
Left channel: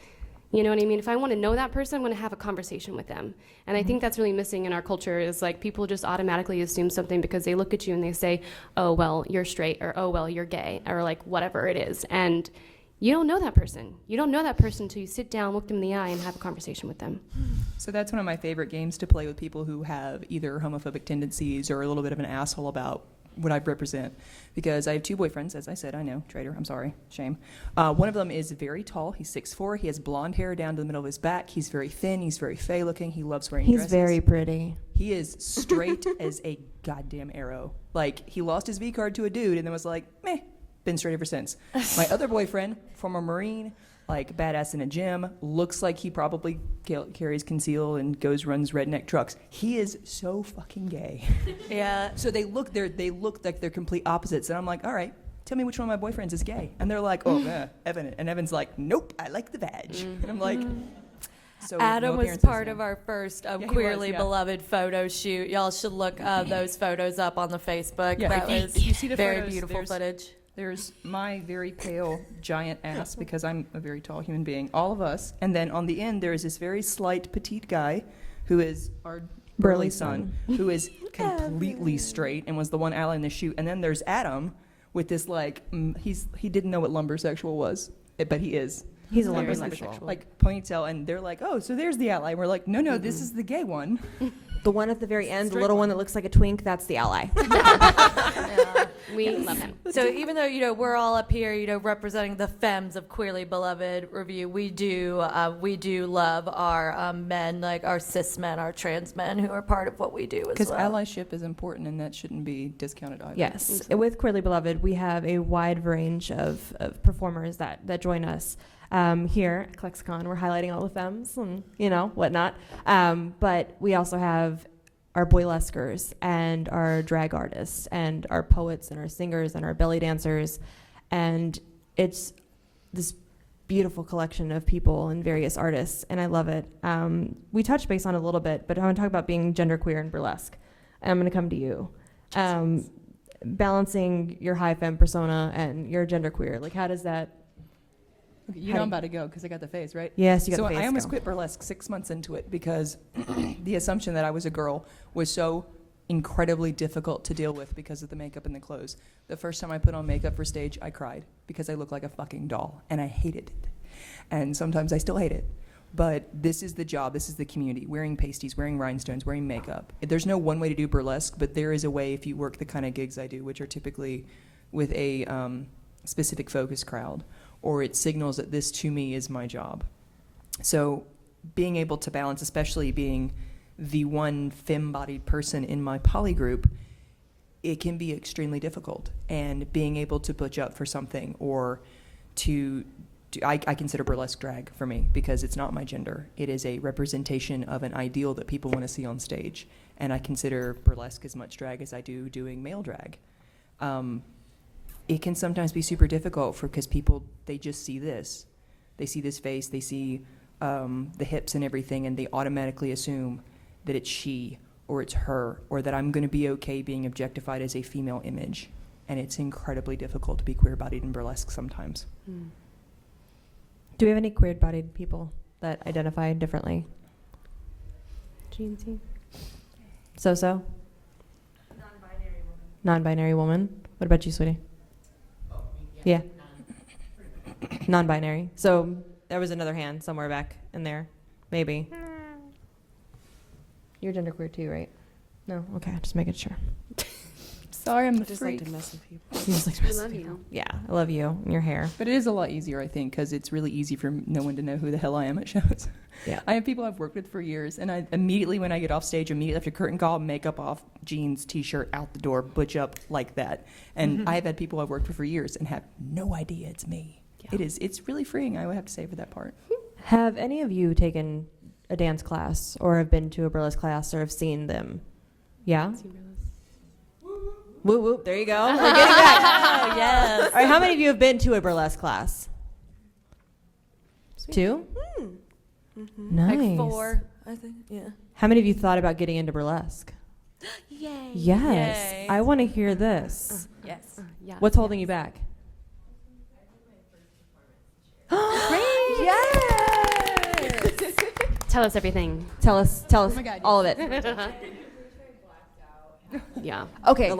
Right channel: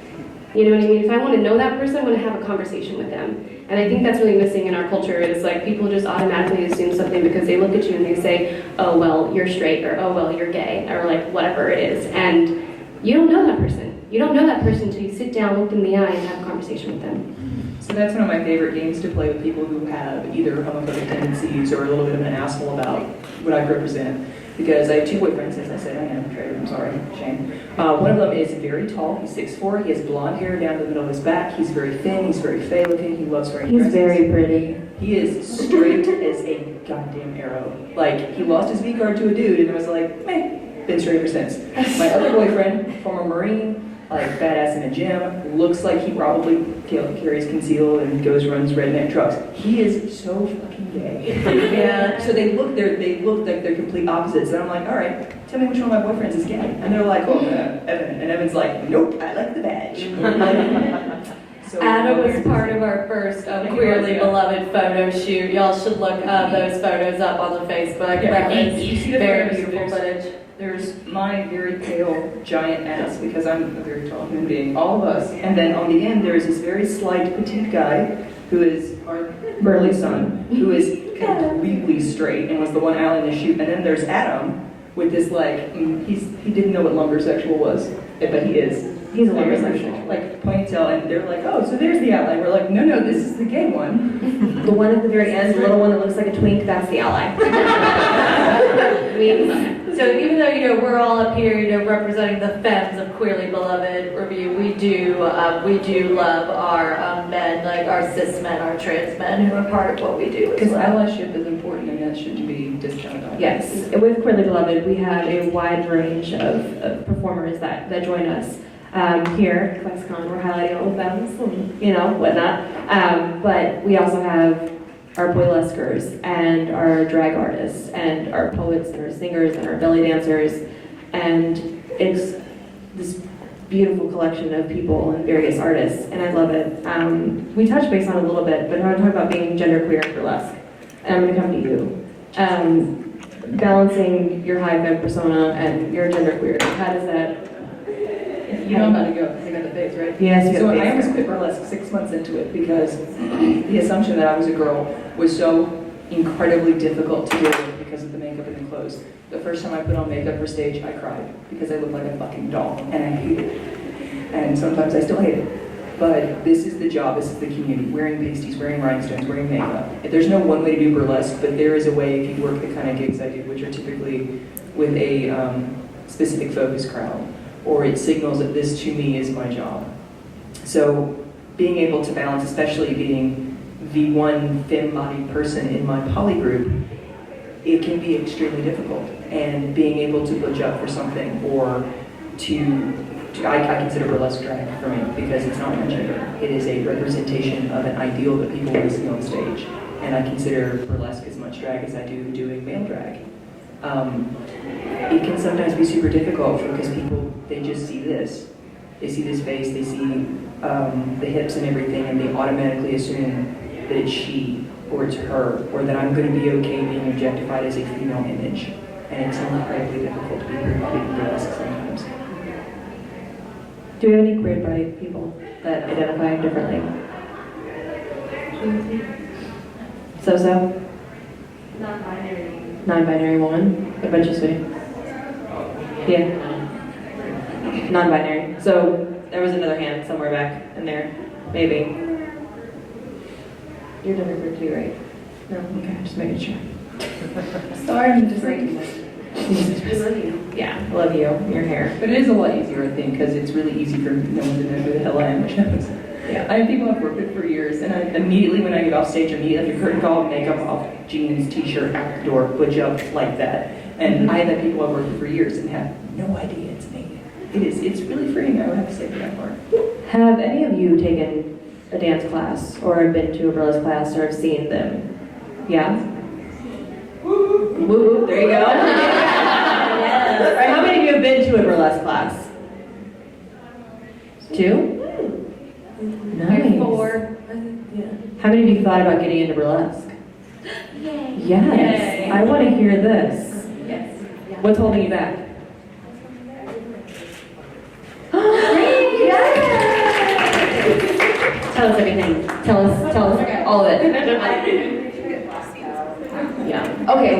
You know what I mean? If I want to know that person, I'm going to have a conversation with them. And I think that's really missing in our culture is like people just automatically assume something because they look at you and they say, oh, well, you're straight, or oh, well, you're gay, or like whatever it is. And you don't know that person. You don't know that person until you sit down, look in the eye, and have a conversation with them. So that's one of my favorite games to play with people who have either homophobic tendencies or a little bit of an asshole about what I represent. Because I have 2 boyfriends, as I said, I am a traitor, I'm sorry, shame. One of them is very tall, he's 6'4", he has blonde hair down the middle of his back, he's very thin, he's very fey looking, he loves wearing dresses. He's very pretty. He is straight as a goddamn arrow. Like, he lost his V-card to a dude and it was like, meh, been straight ever since. My other boyfriend, former Marine, like badass in a gym, looks like he probably carries concealed and runs redneck trucks. He is so fucking gay. Yeah. So they look like they're complete opposites, and I'm like, all right, tell me which one of my boyfriends is gay. And they're like, oh, Evan, and Evan's like, nope, I like the badge. So Adam was part of our first Queerly Beloved photo shoot. Y'all should look those photos up on the Facebook. Yeah, That you is see the very photos, beautiful footage. There's my very pale giant ass because I'm a very tall human being, all of us. And then on the end there's this very slight petite guy who is our burly son, who is completely straight and was the one out in the shoot. And then there's Adam with this like, he didn't know what lumbersexual was, but he is. He's a lumbersexual. Like ponytail, and they're like, oh, so there's the outline. We're like, no, this is the gay one. The one at the very end, the little one that looks like a twink, that's the ally. So even though we're all up here representing the femmes of Queerly Beloved Review, we do love our men, like our cis men, our trans men who are part of what we do. Because allyship is important, and that shouldn't be discounted on. Yes, and with Queerly Beloved, we have a wide range of performers that join us. Here at ClexaCon, we're highlighting all the femmes and, whatnot. But we also have our burlesquers and our drag artists and our poets and our singers and our belly dancers. And it's this beautiful collection of people and various artists, and I love it. We touched base on it a little bit, but I want to talk about being genderqueer and burlesque. And I'm going to come to you. Balancing your high femme persona and your genderqueer. How does that... You know I'm about to go take out the face, right? Yes, you So have I almost quit burlesque 6 months into it because the assumption that I was a girl was so incredibly difficult to deal with because of the makeup and the clothes. The first time I put on makeup for stage, I cried because I looked like a fucking doll, and I hated it. And sometimes I still hate it. But this is the job, this is the community. Wearing pasties, wearing rhinestones, wearing makeup. There's no one way to do burlesque, but there is a way if you work the kind of gigs I do, which are typically with a specific focus crowd. Or it signals that this to me is my job. So being able to balance, especially being the one femme-bodied person in my poly group, it can be extremely difficult. And being able to budge up for something or I consider burlesque drag for me because it's not my gender. It is a representation of an ideal that people want to see on stage. And I consider burlesque as much drag as I do doing male drag. It can sometimes be super difficult because people, they just see this. They see this face, they see the hips and everything, and they automatically assume that it's she or it's her, or that I'm going to be okay being objectified as a female image. And it's incredibly difficult to be queer-bodied in burlesque sometimes. Do we have any queer-bodied people that identify differently? So? Non-binary. Non-binary woman? What about you, sweetie? Yeah. Non-binary. So there was another hand somewhere back in there. Maybe. You're genderqueer too, right? No? Okay, just making sure. Sorry, I'm just like, Yeah, I love you. Your hair. But it is a lot easier, I think, because it's really easy for no one to know who the hell I am, which happens. Yeah. I have people I've worked with for years, and I immediately, when I get off stage, immediately have your curtain call, makeup off, jeans, t-shirt, out the door, butch up like that. And I've had people I've worked with for years and have no idea it's me. It's really freeing, I would have to say, for that part. Have any of you taken a dance class or have been to a burlesque class or have seen them? Yeah? Woo woo, there you go. Yes. All right, how many of you have been to a burlesque class? 2? Nice. Like 4. Yeah. How many of you thought about getting into burlesque? Yay. Yes. Yay. I want to hear this. Yes. What's holding you back? Tell us everything. Tell us all of it. Yeah. Okay,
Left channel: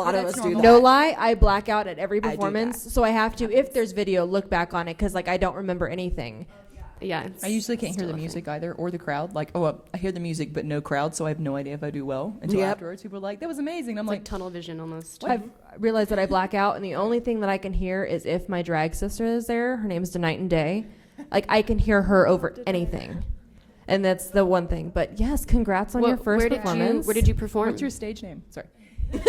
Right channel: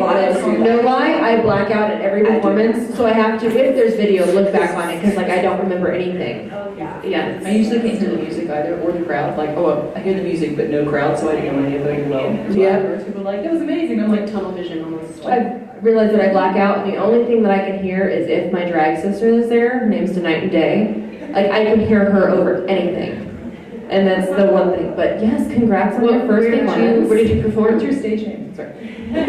no lie, I black out at every performance, so I have to, if there's video, look back on it, because like I don't remember anything. Yeah. I usually can't hear the music either, or the crowd. Like, oh, I hear the music, but no crowd, so I don't know any of it well. Until afterwards, people are like, that was amazing. I'm It's like, like tunnel vision almost. I've realized that I black out, and the only thing that I can hear is if my drag sister is there. Her name's Night and Day. Like, I can hear her over anything. And that's the one thing. But yes, congrats on your first performance. Where did you perform? what's your stage name? Sorry. We did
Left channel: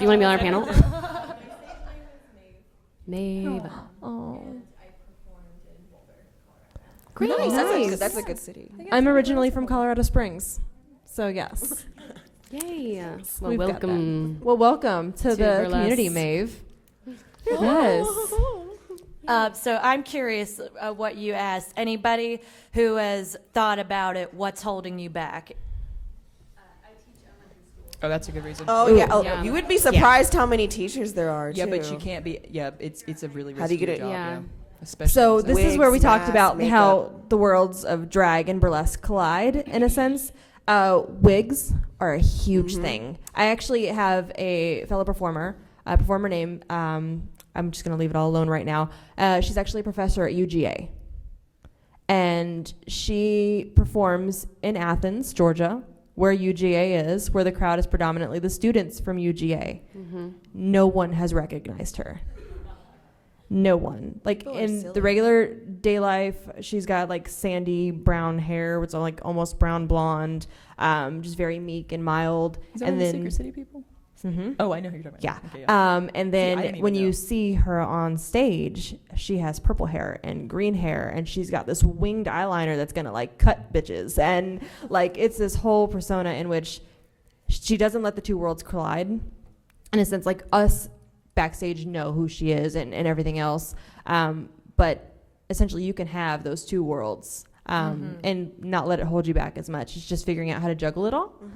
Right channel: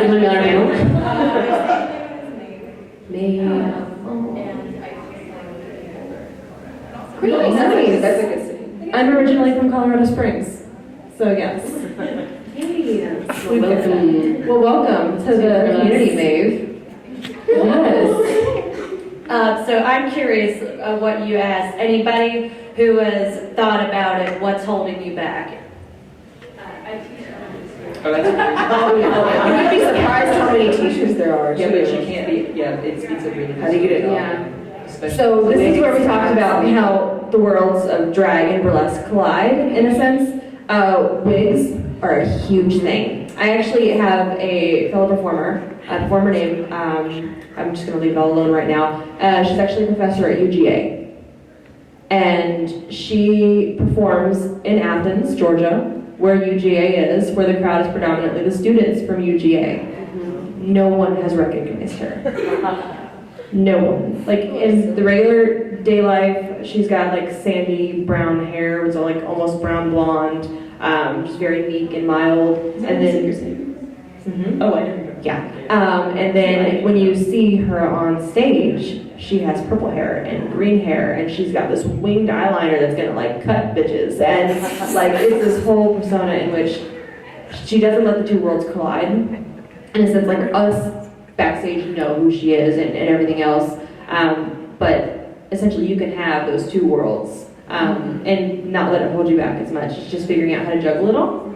the $1 panel. Great, nice. That's a good city. I'm originally from Colorado Springs, so yes. Well, welcome to the community, Maeve. Yes. So I'm curious of what you asked. Anybody who has thought about it, what's holding you back? Oh, that's amazing. Oh, yeah. You would be surprised how many teachers there are. Yeah, too. but she can't be, yeah, it's a really. How do you get it on? Yeah. So this is where we talked about how the worlds of drag and burlesque collide, in a sense. Wigs are a huge thing. I actually have a fellow performer, a performer named, I'm just going to leave it all alone right now. She's actually a professor at UGA. And she performs in Athens, Georgia, where UGA is, where the crowd is predominantly the students from UGA. No one has recognized her. No one. Like in the regular day life, she's got like sandy brown hair, was like almost brown blonde, just very meek and mild. And then, Oh, I know. yeah. And then when you see her on stage, she has purple hair and green hair, and she's got this winged eyeliner that's gonna like cut bitches, and like it's this whole persona in which she doesn't let the two worlds collide. In a sense, like us backstage know who she is and everything else, but essentially you can have those two worlds and not let it hold you back as much. It's just figuring out how to juggle it all.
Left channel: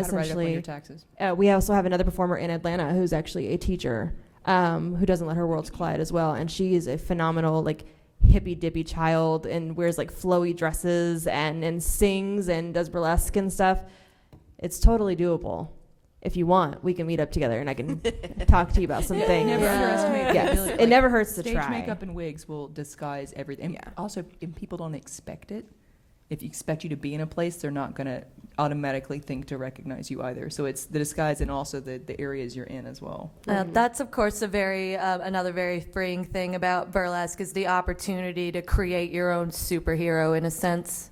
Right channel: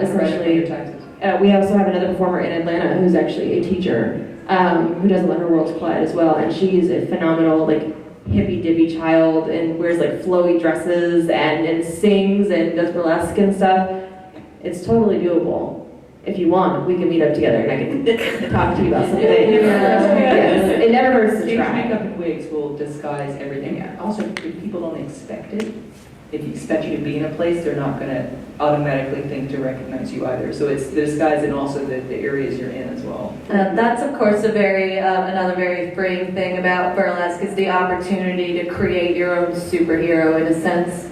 Essentially, we also have another performer in Atlanta who's actually a teacher who doesn't let her worlds collide as well, and she's a phenomenal like hippy-dippy child and wears like flowy dresses and sings and does burlesque and stuff. It's totally doable. If you want, we can meet up together and I can talk to you about some things. Yes. It never hurts to Stage try. makeup and wigs will disguise everything. Also, if people don't expect it, if you expect you to be in a place, they're not going to automatically think to recognize you either. So it's the disguise and also the areas you're in as well. That's of course a very another very freeing thing about burlesque is the opportunity to create your own superhero in a sense.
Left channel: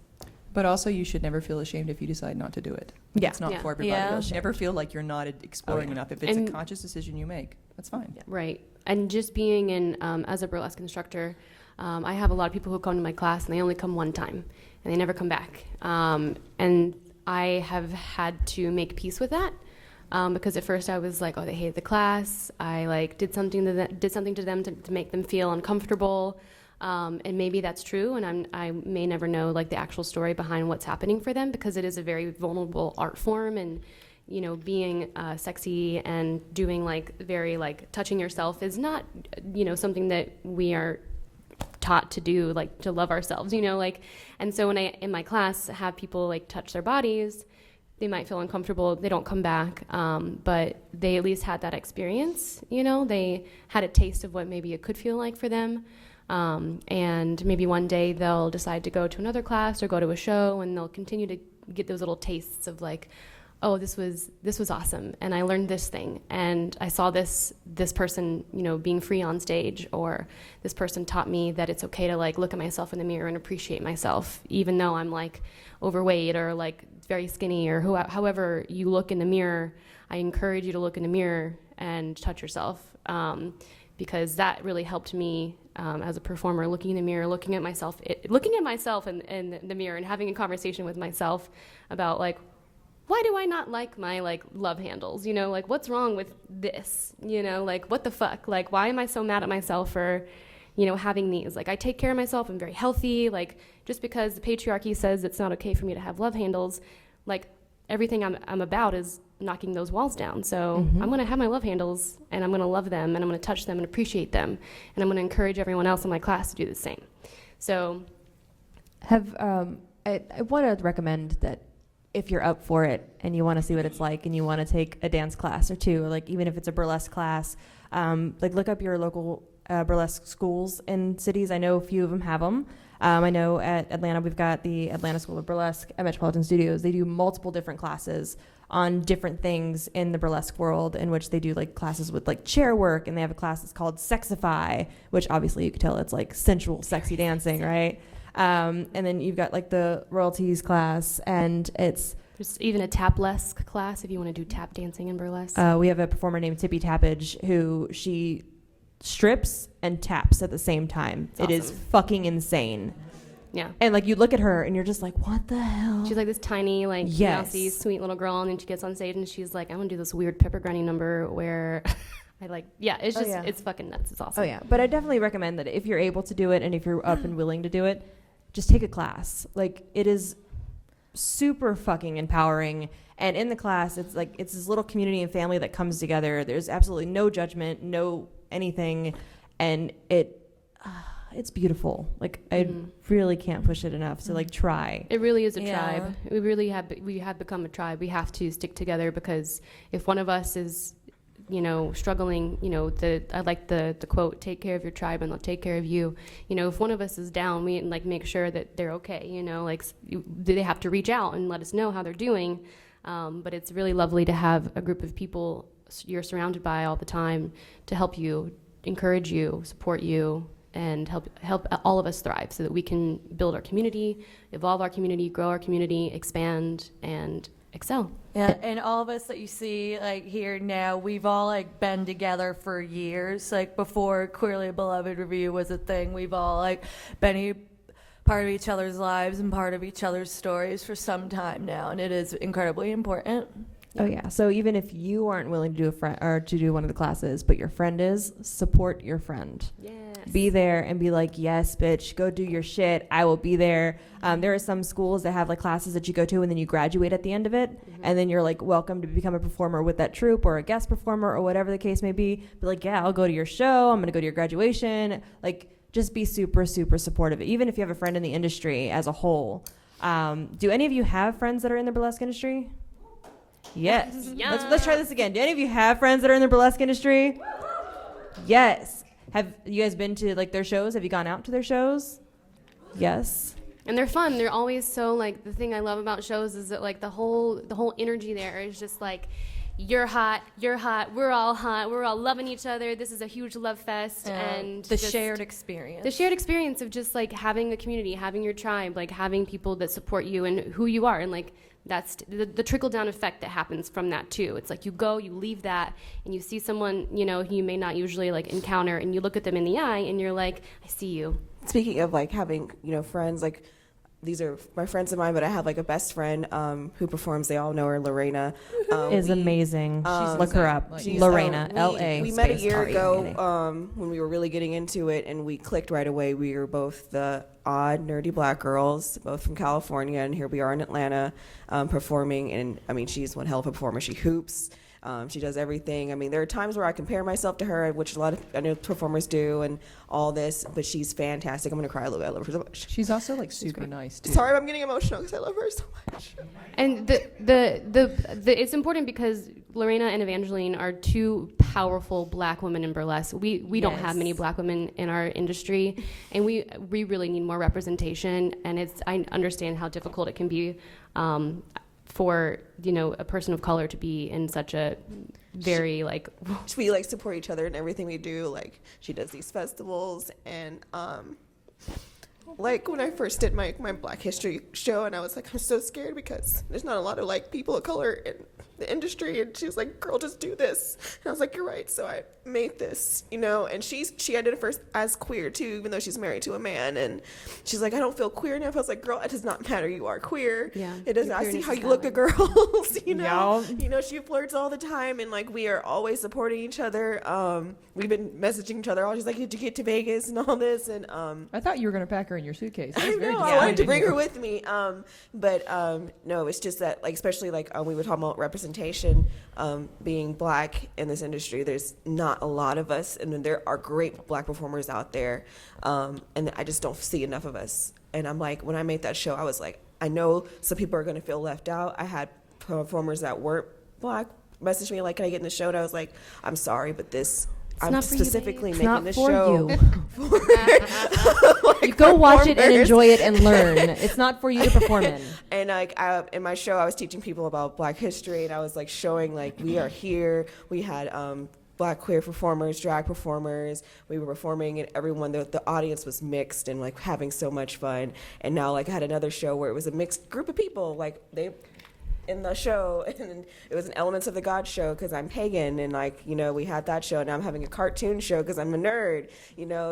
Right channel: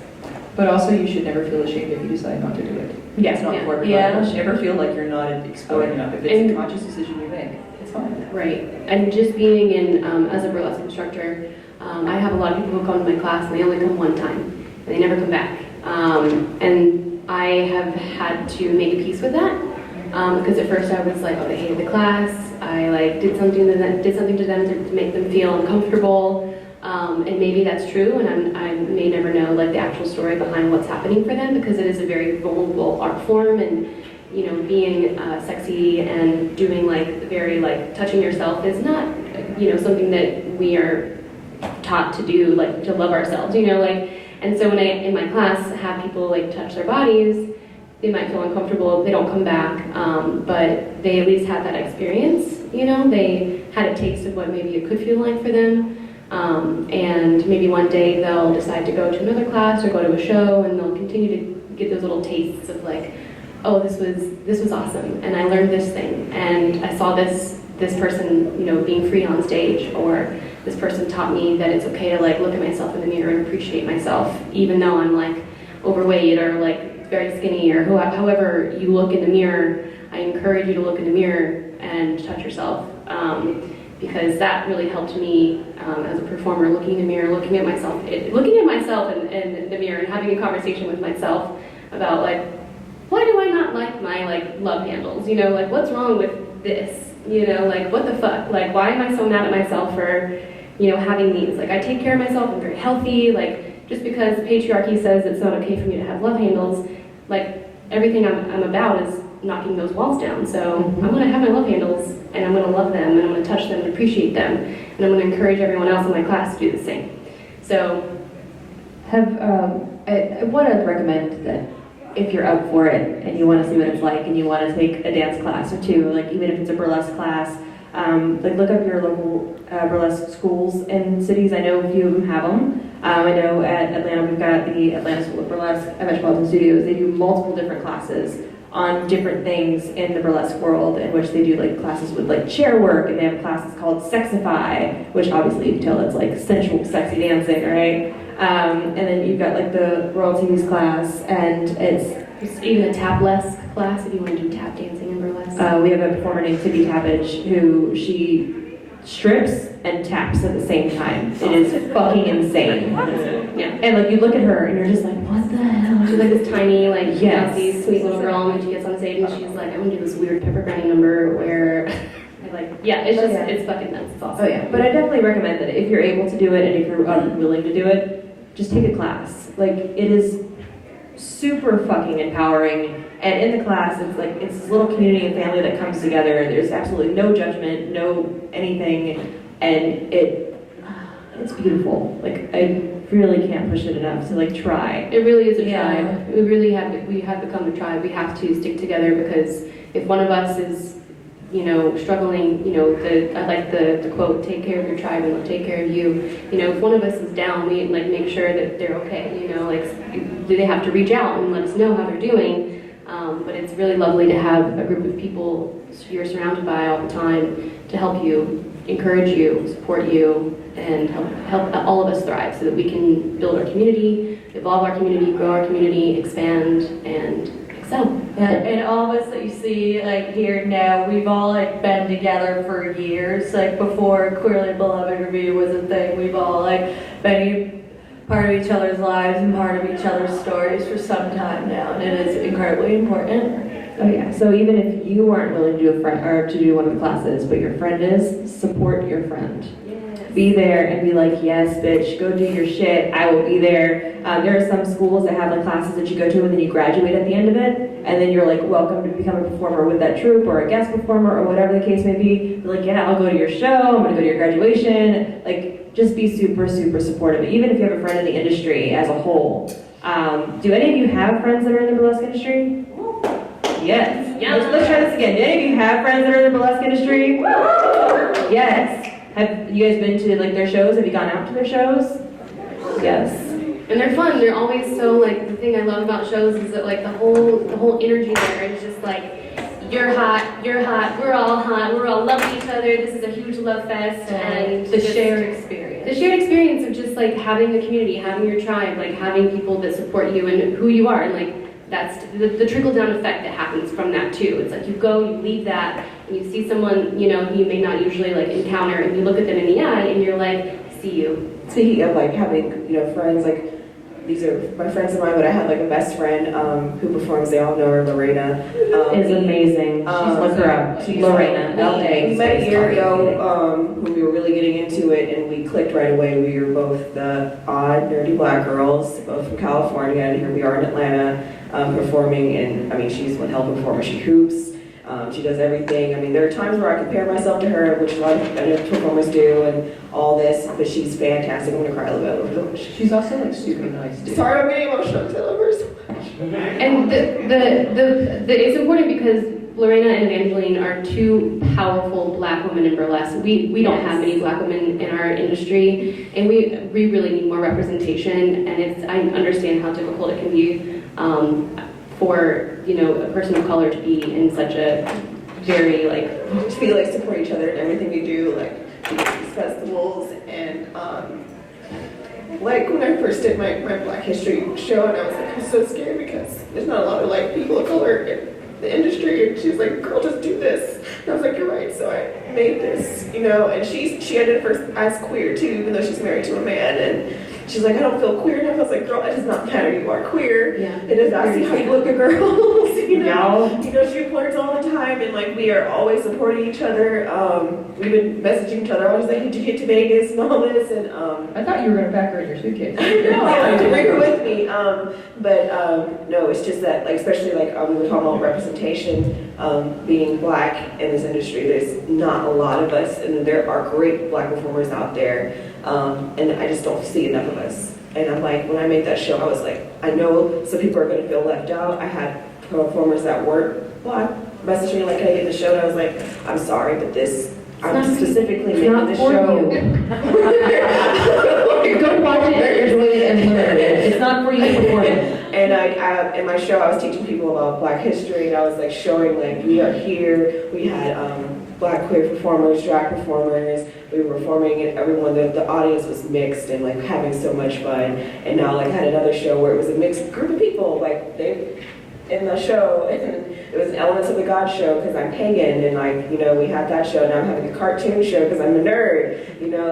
But also, you should never feel ashamed if you decide not to do it. Yeah. It's not for everybody. Yeah. You should never feel like you're not exploring enough. If it's a conscious decision you make, it's fine. Right. And just being in, as a burlesque instructor, I have a lot of people who come to my class and they only come one time and they never come back. And I have had to make peace with that because at first I was like, oh, they hated the class. I like did something to them to make them feel uncomfortable. And maybe that's true, and I may never know like the actual story behind what's happening for them, because it is a very vulnerable art form, and being sexy and doing like very like touching yourself is not something that we are taught to do, like to love ourselves, and so when I in my class have people like touch their bodies, they might feel uncomfortable, they don't come back, but they at least had that experience, they had a taste of what maybe it could feel like for them. And maybe one day they'll decide to go to another class or go to a show, and they'll continue to get those little tastes of like, oh, this was awesome, and I learned this thing, and I saw this person, being free on stage, or this person taught me that it's okay to like look at myself in the mirror and appreciate myself, even though I'm like overweight or like very skinny, or however you look in the mirror. I encourage you to look in the mirror and touch yourself. Because that really helped me as a performer, looking in the mirror, looking at myself in the mirror, and having a conversation with myself about like, why do I not like my like love handles? Like what's wrong with this? Like what the fuck? Like why am I so mad at myself for having these? Like I take care of myself, I'm very healthy. Like just because the patriarchy says it's not okay for me to have love handles, like everything I'm about is knocking those walls down. So I'm going to have my love handles, and I'm going to love them, and I'm going to touch them and appreciate them, and I'm going to encourage everyone else in my class to do the same. So I want to recommend that if you're up for it and you want to see what it's like and you want to take a dance class or two, like even if it's a burlesque class, like look up your local burlesque schools in cities. I know a few of them have them. I know at Atlanta we've got the Atlanta School of Burlesque at Metropolitan Studios. They do multiple different classes on different things in the burlesque world, in which they do like classes with like chair work, and they have classes called Sexify, which obviously you can tell it's like sensual, sexy dancing, right? And then you've got like the royalties class, and it's even a taplesque class if you want to do tap dancing in burlesque. We have a performer named Tippy Tappage who she strips and taps at the same time. It is fucking insane. Yeah. And like you look at her and you're just like, what the hell? She's like this tiny, like Yes. bouncy, sweet little girl, and when she gets on stage and she's like, I'm gonna do this weird pepper granny number where it's it's fucking nuts. It's awesome. Oh yeah, but I definitely recommend that if you're able to do it and if you're willing to do it, just take a class. Like it is super fucking empowering, and in the class it's like it's this little community and family that comes together. There's absolutely no judgment, no anything, and it's beautiful. Like I really can't push it enough to like try. It really is a tribe. We have become a tribe. We have to stick together, because if one of us is struggling, I like the quote, take care of your tribe and they'll take care of you. If one of us is down, we like make sure that they're okay, do they have to reach out and let us know how they're doing. But it's really lovely to have a group of people you're surrounded by all the time to help you, encourage you, support you, and help all of us thrive so that we can build our community, evolve our community, grow our community, expand, and excel. Yeah, and all of us that you see like here now, we've all like been together for years. Like before Queerly Beloved Review was a thing, we've all like been part of each other's lives and part of each other's stories for some time now, and it is incredibly important. Oh yeah. So even if you aren't willing to do one of the classes, but your friend is, support your friend. Be there and be like, yes, bitch, go do your shit. I will be there. There are some schools that have like classes that you go to and then you graduate at the end of it, and then you're like welcome to become a performer with that troupe or a guest performer or whatever the case may be. Be like, yeah, I'll go to your show. I'm gonna go to your graduation. Like, just be super, super supportive. Even if you have a friend in the industry as a whole. Do any of you have friends that are in the burlesque industry? Yes. Yeah. Let's try this again. Do any of you have friends that are in the burlesque industry? Yes. Have you guys been to like their shows? Have you gone out to their shows? Yes. And they're fun. They're always so like, the thing I love about shows is that like the whole energy there is just like, you're hot, we're all loving each other. This is a huge love fest, and the shared experience. The shared experience of just like having a community, having your tribe, like having people that support you and who you are, and like that's the trickle-down effect that happens from that too. It's like you go, you leave that, and you see someone, who you may not usually like encounter, and you look at them in the eye, and you're like, I see you. Speaking of like having, friends, like these are my friends of mine, but I have like a best friend who performs. They all know her, Lorena. Is amazing. Look her up. Lorena, L.A. We met a year ago when we were really getting into it, and we clicked right away. We were both the odd, nerdy black girls, both from California, and here we are in Atlanta performing. And I mean, she's one hell of a performer. She hoops. She does everything. I mean, there are times where I compare myself to her, which a lot of performers do, and all this, but she's fantastic. I'm gonna cry a little bit. She's also like super nice too. Sorry, I'm getting emotional because I love her so much. And it's important because Lorena and Evangeline are two powerful black women in burlesque. We don't have many black women in our industry, and we really need more representation. And I understand how difficult it can be for a person of color to be in such a very to be like support each other in everything we do, like these festivals and like when I first did my Black History show, and I was like, I'm so scared because there's not a lot of like people of color in the industry, and she's like, girl, just do this. And I was like, you're right. So I made this, and she ended first as queer too, even though she's married to a man. And she's like, I don't feel queer enough. I was like, girl, it does not matter. You are queer. Yeah. It does not see how you look at girls. She flirts all the time, and like we are always supporting each other. We've been messaging each other. I was like, did you get to Vegas and all this? And I thought you were gonna pack her in your suitcase. I know. I had to bring her with me. No, it's just that, like, especially like we were talking about representation, being black in this industry. There's not a lot of us, and there are great black performers out there, and I just don't see enough of us. And I'm like, when I made that show, I was like, I know some people are going to feel left out. I had performers that weren't black message me like, can I get the show? And I was like, I'm sorry, but I'm specifically making the show. Go watch it and enjoy it and learn. It's not for you to perform it. And in my show, I was teaching people about Black history, and I was like showing like we are here. We had Black queer performers, drag performers. We were performing, and everyone, the audience was mixed and like having so much fun. And now like I had another show where it was a mixed group of people, like they in the show, and it was Elements of the God show because I'm pagan, and like we had that show. Now I'm having a cartoon show because I'm a nerd,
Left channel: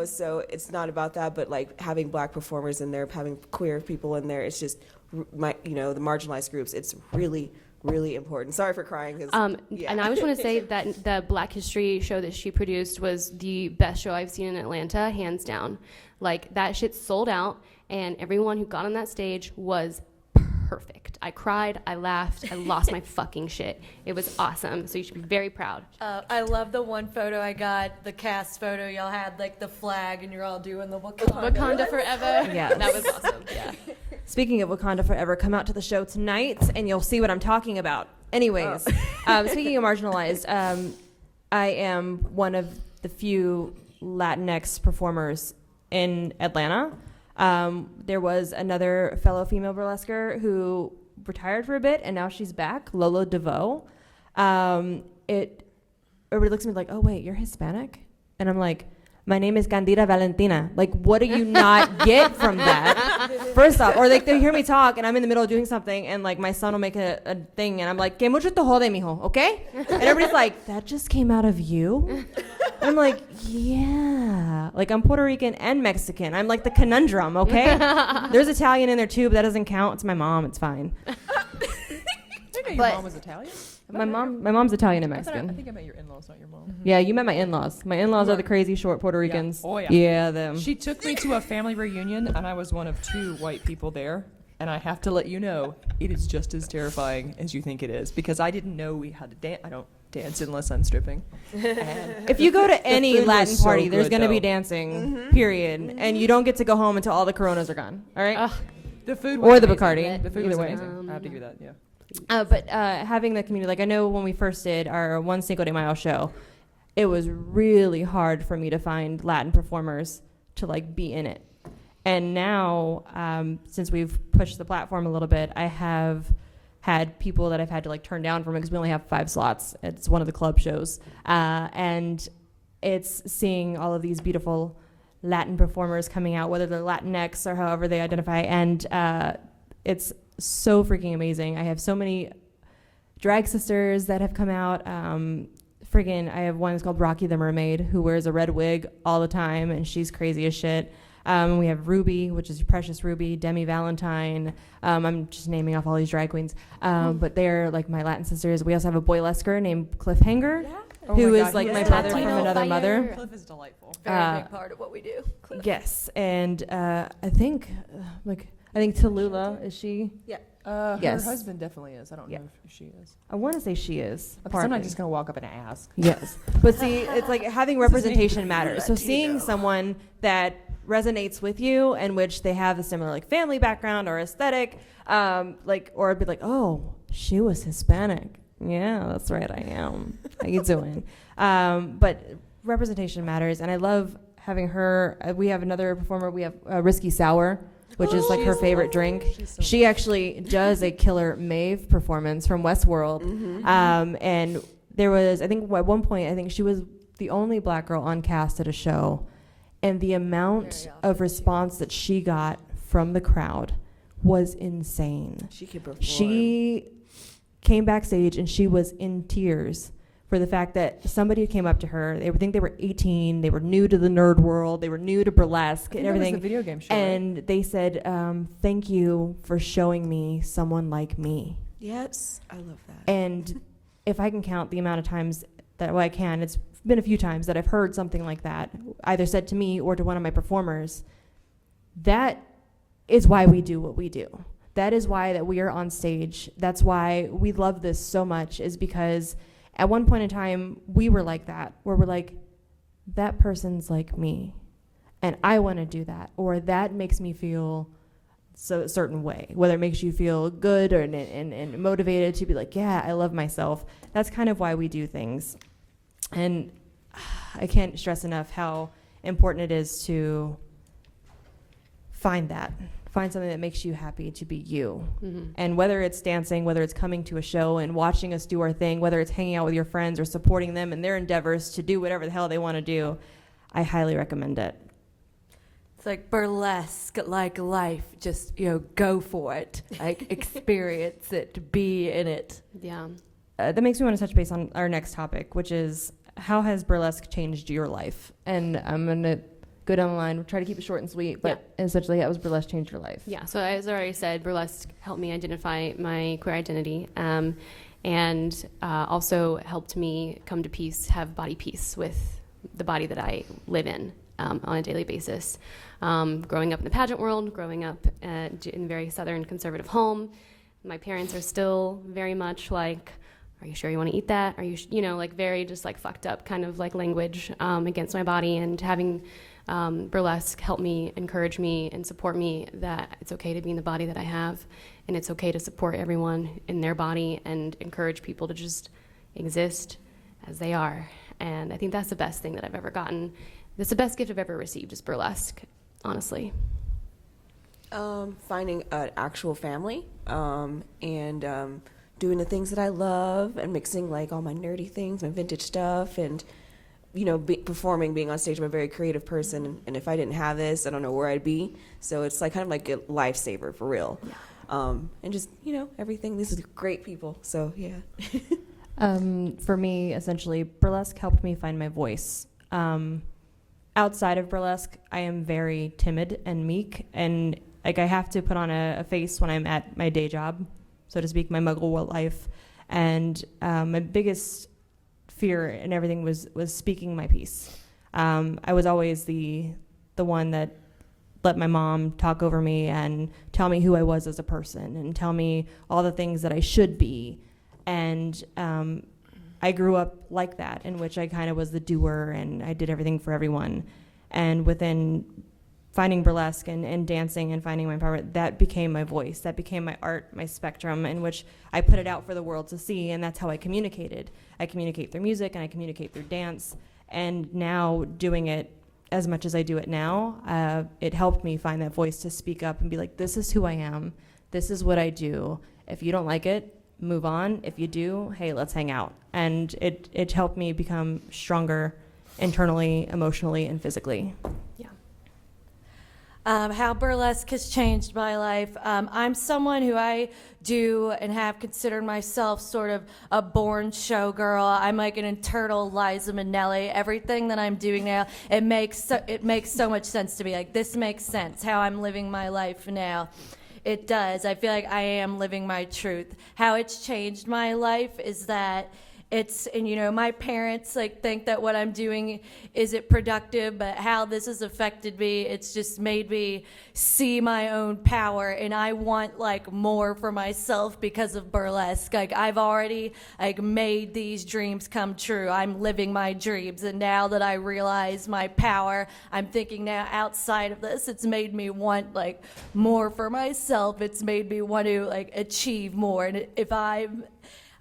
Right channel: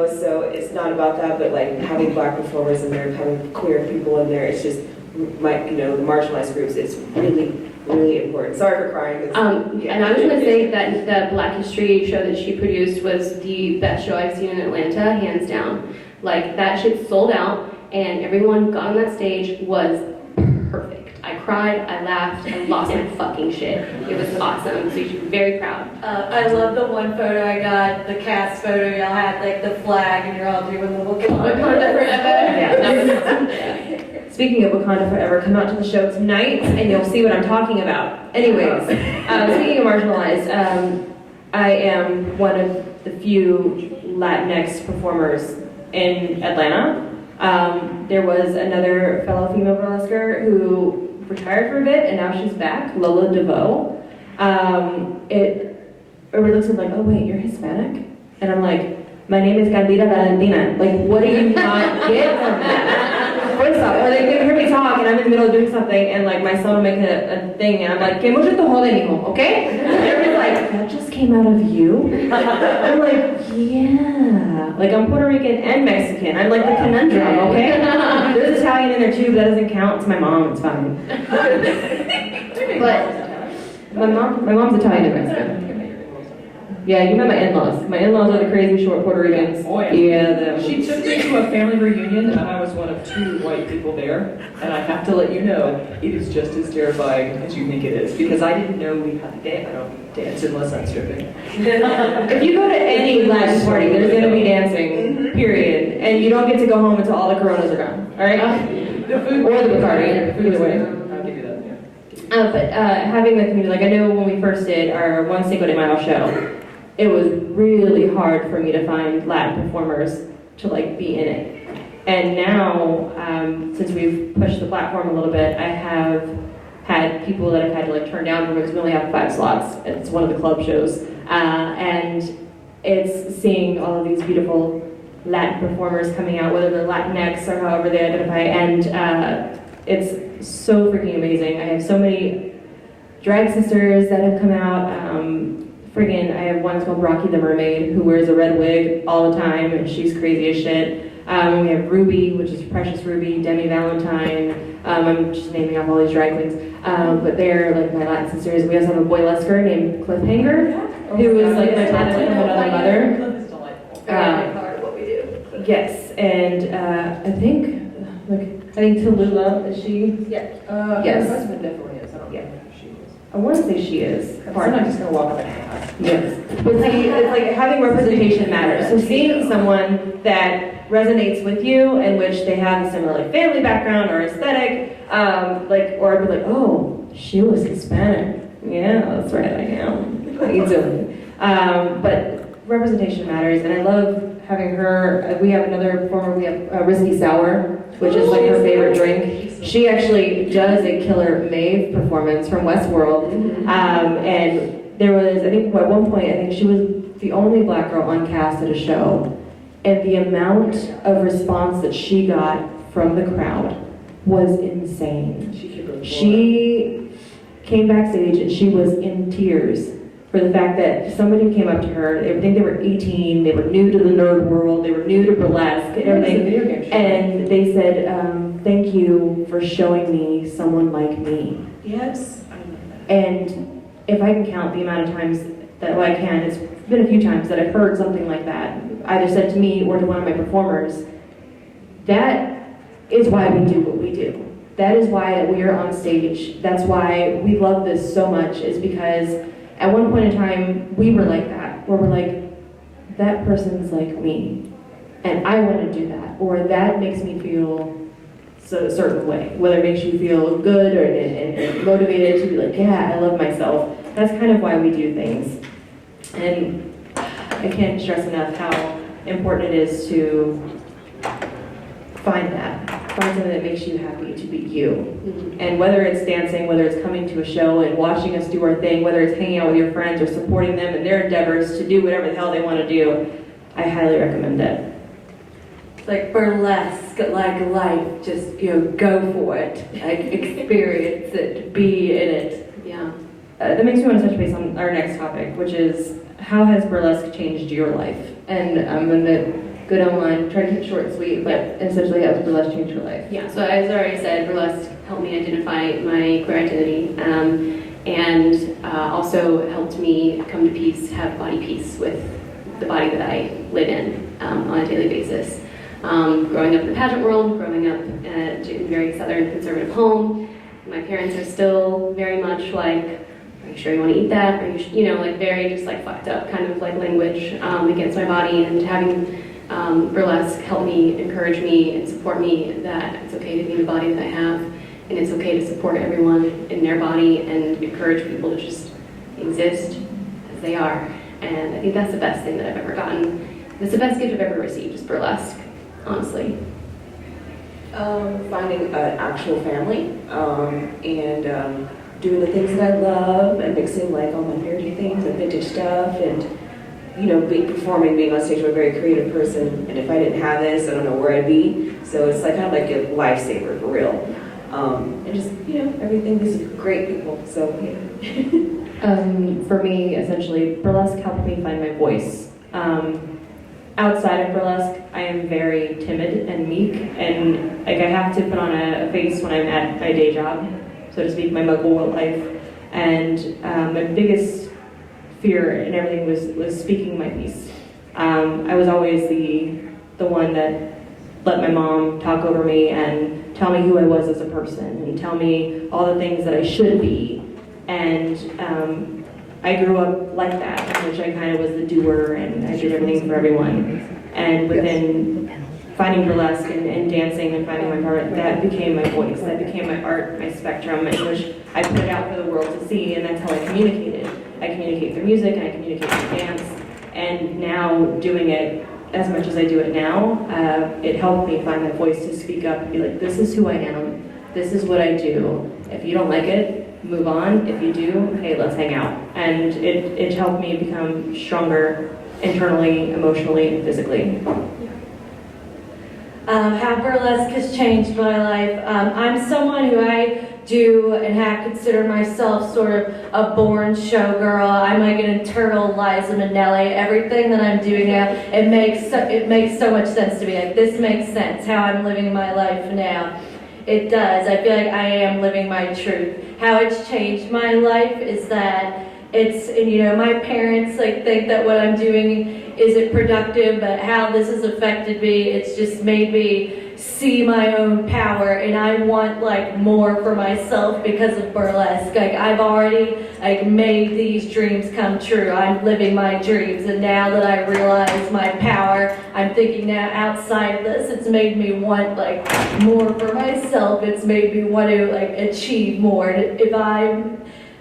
So it's not about that, but like having black performers in there, having queer people in there, it's just the marginalized groups. It's really, really important. Sorry for crying. And I just want to say that the Black History show that she produced was the best show I've seen in Atlanta, hands down. Like that shit sold out, and everyone who got on that stage was perfect. I cried, I laughed, I lost my fucking shit. It was awesome, so you should be very proud. I love the one photo I got, the cast photo. Y'all had like the flag, and you're all doing the Wakanda forever. Yeah, that was. Speaking of Wakanda Forever, come out to the show tonight, and you'll see what I'm talking about. Anyways, speaking of marginalized, I am one of the few Latinx performers in Atlanta. There was another fellow female burlesquer who retired for a bit, and now she's back, Laveau. Everybody looks at me like, oh wait, you're Hispanic? And I'm like, my name is Candida, Valentina. Like, what do you not get from that? First off, or like they hear me talk, and I'm in the middle of doing something, and like my son will make a thing, and I'm like, que mucho te jode, mijo, okay? And everybody's like, that just came out of you? I'm like, yeah. Like, I'm Puerto Rican and Mexican. I'm like the conundrum, okay? There's Italian in there too, but that doesn't count. It's my mom, it's fine. But my mom's Italian and Mexican. Yeah, you met my in-laws. My in-laws are the crazy short Puerto Ricans. Oh yeah. Yeah, them. She took me to a family reunion, and I was one of 2 white people there. And I have to let you know, it is just as terrifying as you think it is, because I didn't know we had to dance. I don't dance unless I'm stripping. If you go to any Latin party, there's going to be dancing, period. And you don't get to go home until all the Coronas are gone, all right? The food Or the Bacardi, either way. I'll give you that, yeah. But having the community, like I know when we first did our one Cinco de Mayo show, it was really hard for me to find Latin performers to like be in it. And now, since we've pushed the platform a little bit, I have had people that I've had to like turn down because we only have 5 slots. It's one of the club shows. And it's seeing all of these beautiful Latin performers coming out, whether they're Latinx or however they identify, and it's so freaking amazing. I have so many drag sisters that have come out. I have one called Rocky the Mermaid who wears a red wig all the time, and she's crazy as shit. We have Ruby, which is Precious Ruby, Demi Valentine. I'm just naming off all these drag queens. But they're like my Latin sisters. We also have a Burlesquer named Cliffhanger, who is like my brother from another mother. Cliff is delightful. Part of what we do. Yes, and I think Tallulah, is she? Yeah. Yes. Her husband definitely is. I don't know if she is. I want to say she is. Sometimes just gonna walk up and ask. Yes. But see, it's like having representation matters. So seeing someone that resonates with you, in which they have a similar like family background or aesthetic, or be like, oh, she was Hispanic. Yeah, that's right, I am. How you doing? But representation matters, and I love having her. We have another performer. We have Risky Sour, which is like her favorite drink. She actually does a killer Maeve performance from Westworld, and there was, I think, at one point, I think she was the only black girl on cast at a show, and the amount of response that she got from the crowd was insane. She came backstage and she was in tears for the fact that somebody came up to her. They think they were 18, they were new to the nerd world, they were new to burlesque and everything, and they said, thank you for showing me someone like me. Yes. And if I can count the amount of times that I can, it's been a few times that I've heard something like that, either said to me or to one of my performers. That is why we do what we do. That is why we are on stage. That's why we love this so much, is because at one point in time, we were like that, where we're like, that person's like me, and I want to do that, or that makes me feel a certain way, whether it makes you feel good or and motivated to be like, yeah, I love myself. That's kind of why we do things. And I can't stress enough how important it is to find something that makes you happy to be you. Mm-hmm. And whether it's dancing, whether it's coming to a show and watching us do our thing, whether it's hanging out with your friends or supporting them in their endeavors to do whatever the hell they want to do, I highly recommend it. It's like burlesque, like life, just, go for it. Like, experience it, be in it. Yeah. That makes me want to touch base on our next topic, which is, how has burlesque changed your life? And I'm going to go down the line, try to keep it short and sweet, but essentially, how has burlesque changed your life? Yeah, so as I already said, burlesque helped me identify my queer identity, and also helped me come to peace, have body peace with the body that I live in on a daily basis. Growing up in the pageant world, growing up in a very southern conservative home, my parents are still very much like, are you sure you want to eat that? Are you, like very just like fucked up kind of like language against my body, and having burlesque help me, encourage me, and support me that it's okay to be in the body that I have, and it's okay to support everyone in their body and encourage people to just exist as they are. And I think that's the best thing that I've ever gotten. It's the best gift I've ever received, is burlesque, honestly. Finding an actual family, and doing the things that I love, and mixing like all my nerdy things and vintage stuff, and performing, being on stage. I'm a very creative person, and if I didn't have this, I don't know where I'd be. So it's like kind of like a lifesaver for real. And just everything. This is great people. So yeah. For me, essentially, burlesque helped me find my voice. Outside of burlesque, I am very timid and meek, and like I have to put on a face when I'm at my day job, so to speak, my muggle life. And my biggest fear and everything was speaking my piece. I was always the one that let my mom talk over me and tell me who I was as a person and tell me all the things that I should be. And I grew up like that, in which I kind of was the doer and I did everything for everyone. And within finding burlesque and dancing and finding my part, that became my voice, that became my art, my spectrum, in which I put it out for the world to see, and that's how I communicated. I communicate through music and I communicate through dance. And now, doing it as much as I do it now, it helped me find my voice to speak up and be like, this is who I am, this is what I do. If you don't like it, move on. If you do, hey, let's hang out. And it helped me become stronger internally, emotionally, and physically. How burlesque has changed my life. I'm someone who I do and have considered myself sort of a born showgirl. I'm like an eternal Liza Minnelli. Everything that I'm doing now, it makes so much sense to me. Like, this makes sense, how I'm living my life now. It does. I feel like I am living my truth. How it's changed my life is that my parents like think that what I'm doing isn't productive, but how this has affected me, it's just made me see my own power, and I want like more for myself because of burlesque. Like, I've already like made these dreams come true. I'm living my dreams, and now that I realize my power, I'm thinking now outside of this, it's made me want like more for myself. It's made me want to like achieve more. And if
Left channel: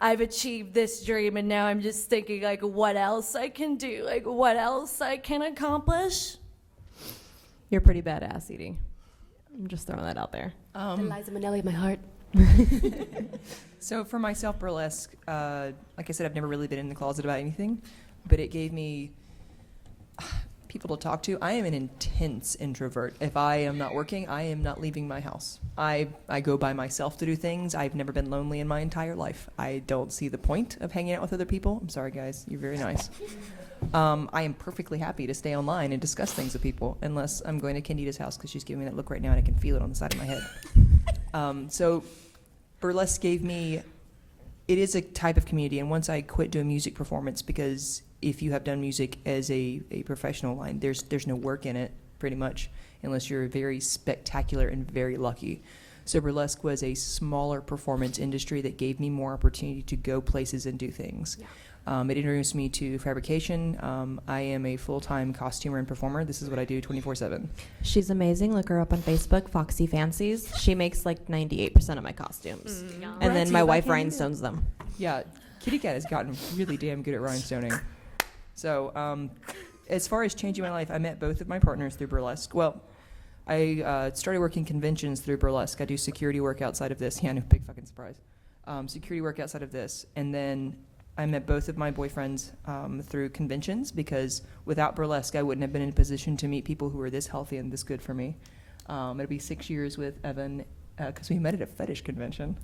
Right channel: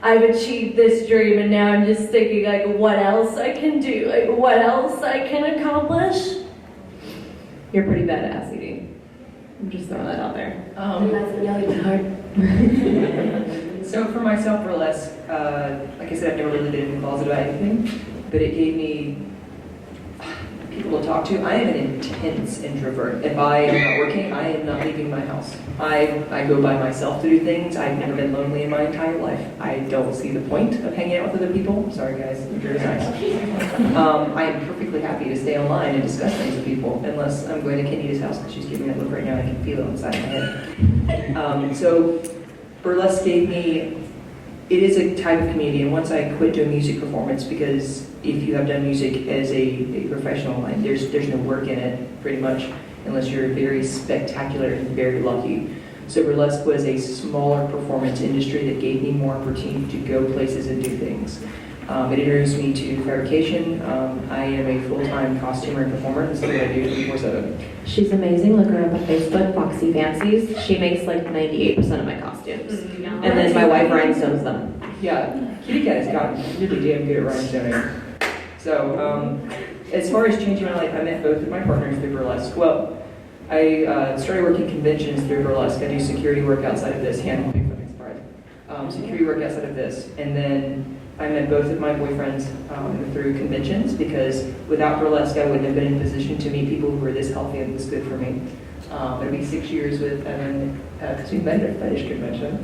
I've achieved this dream, and now I'm just thinking like what else I can do, like what else I can accomplish. You're pretty badass, Edie. I'm just throwing that out there. That's Minnelli by heart. So for myself, burlesque, like I said, I've never really been in the closet about anything, but it gave me people to talk to. I am an intense introvert. If I am not working, I am not leaving my house. I go by myself to do things. I've never been lonely in my entire life. I don't see the point of hanging out with other people. I'm sorry guys, you're very nice. I am perfectly happy to stay online and discuss things with people, unless I'm going to Candida's house because she's giving me a look right now. I can feel it inside my head. So burlesque gave me, it is a type of community, and once I quit doing music performance, because if you have done music as a professional line, there's no work in it, pretty much, unless you're very spectacular and very lucky. So burlesque was a smaller performance industry that gave me more opportunity to go places and do things. It introduced me to fabrication. I am a full-time costumer and performer. This is what I do 24/7. She's amazing. Look her up on Facebook, Foxy Fancies. She makes like 98% of my costumes. And then my wife rhinestones them. Yeah, Kitty Cat's got really damn good at rhinestoning. So, as far as changing my life, I met both of my partners through burlesque. Well, I started working conventions through burlesque. I do security work outside of this. Yeah, don't be fucking surprised. Security work outside of this. And then I met both of my boyfriends through conventions, because without burlesque, I wouldn't have been in a position to meet people who were this healthy and this good for me. It'll be 6 years with Evan, because we met at a fetish convention.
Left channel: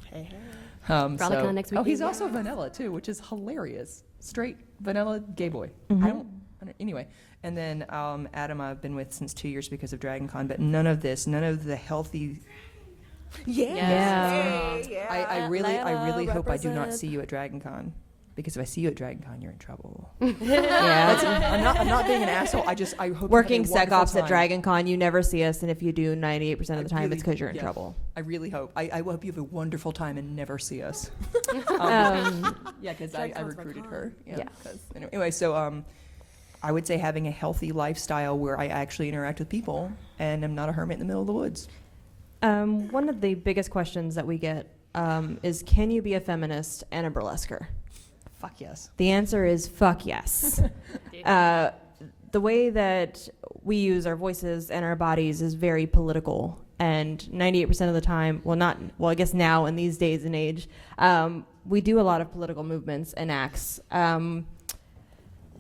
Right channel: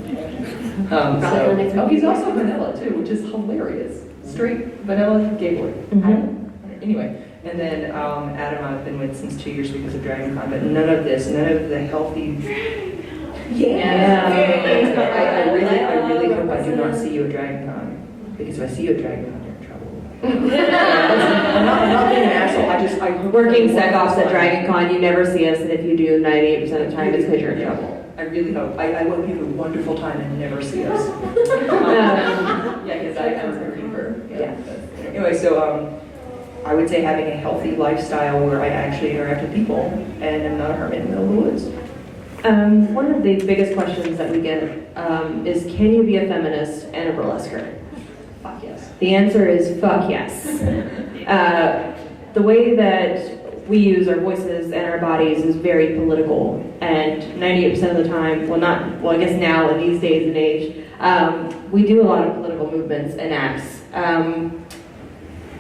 He's also vanilla too, which is hilarious. Straight vanilla gay boy. Anyway, and then Adam I've been with since 2 years because of DragonCon, but none of the healthy. I really hope I do not see you at DragonCon, because if I see you at DragonCon, you're in trouble. I'm not being an asshole. I hope Working sec ops at DragonCon, you never see us, and if you do 98% of the time, it's because you're in trouble. I really hope. I hope you have a wonderful time and never see us. Yeah, because I'm a reaper. Yeah. Anyway, so I would say having a healthy lifestyle where I actually interact with people and I'm not a hermit in the middle of the woods. One of the biggest questions that we get is, can you be a feminist and a burlesquer? Fuck yes. The answer is fuck yes. The way that we use our voices and our bodies is very political, and 98% of the time, I guess now in these days and age, we do a lot of political movements and acts.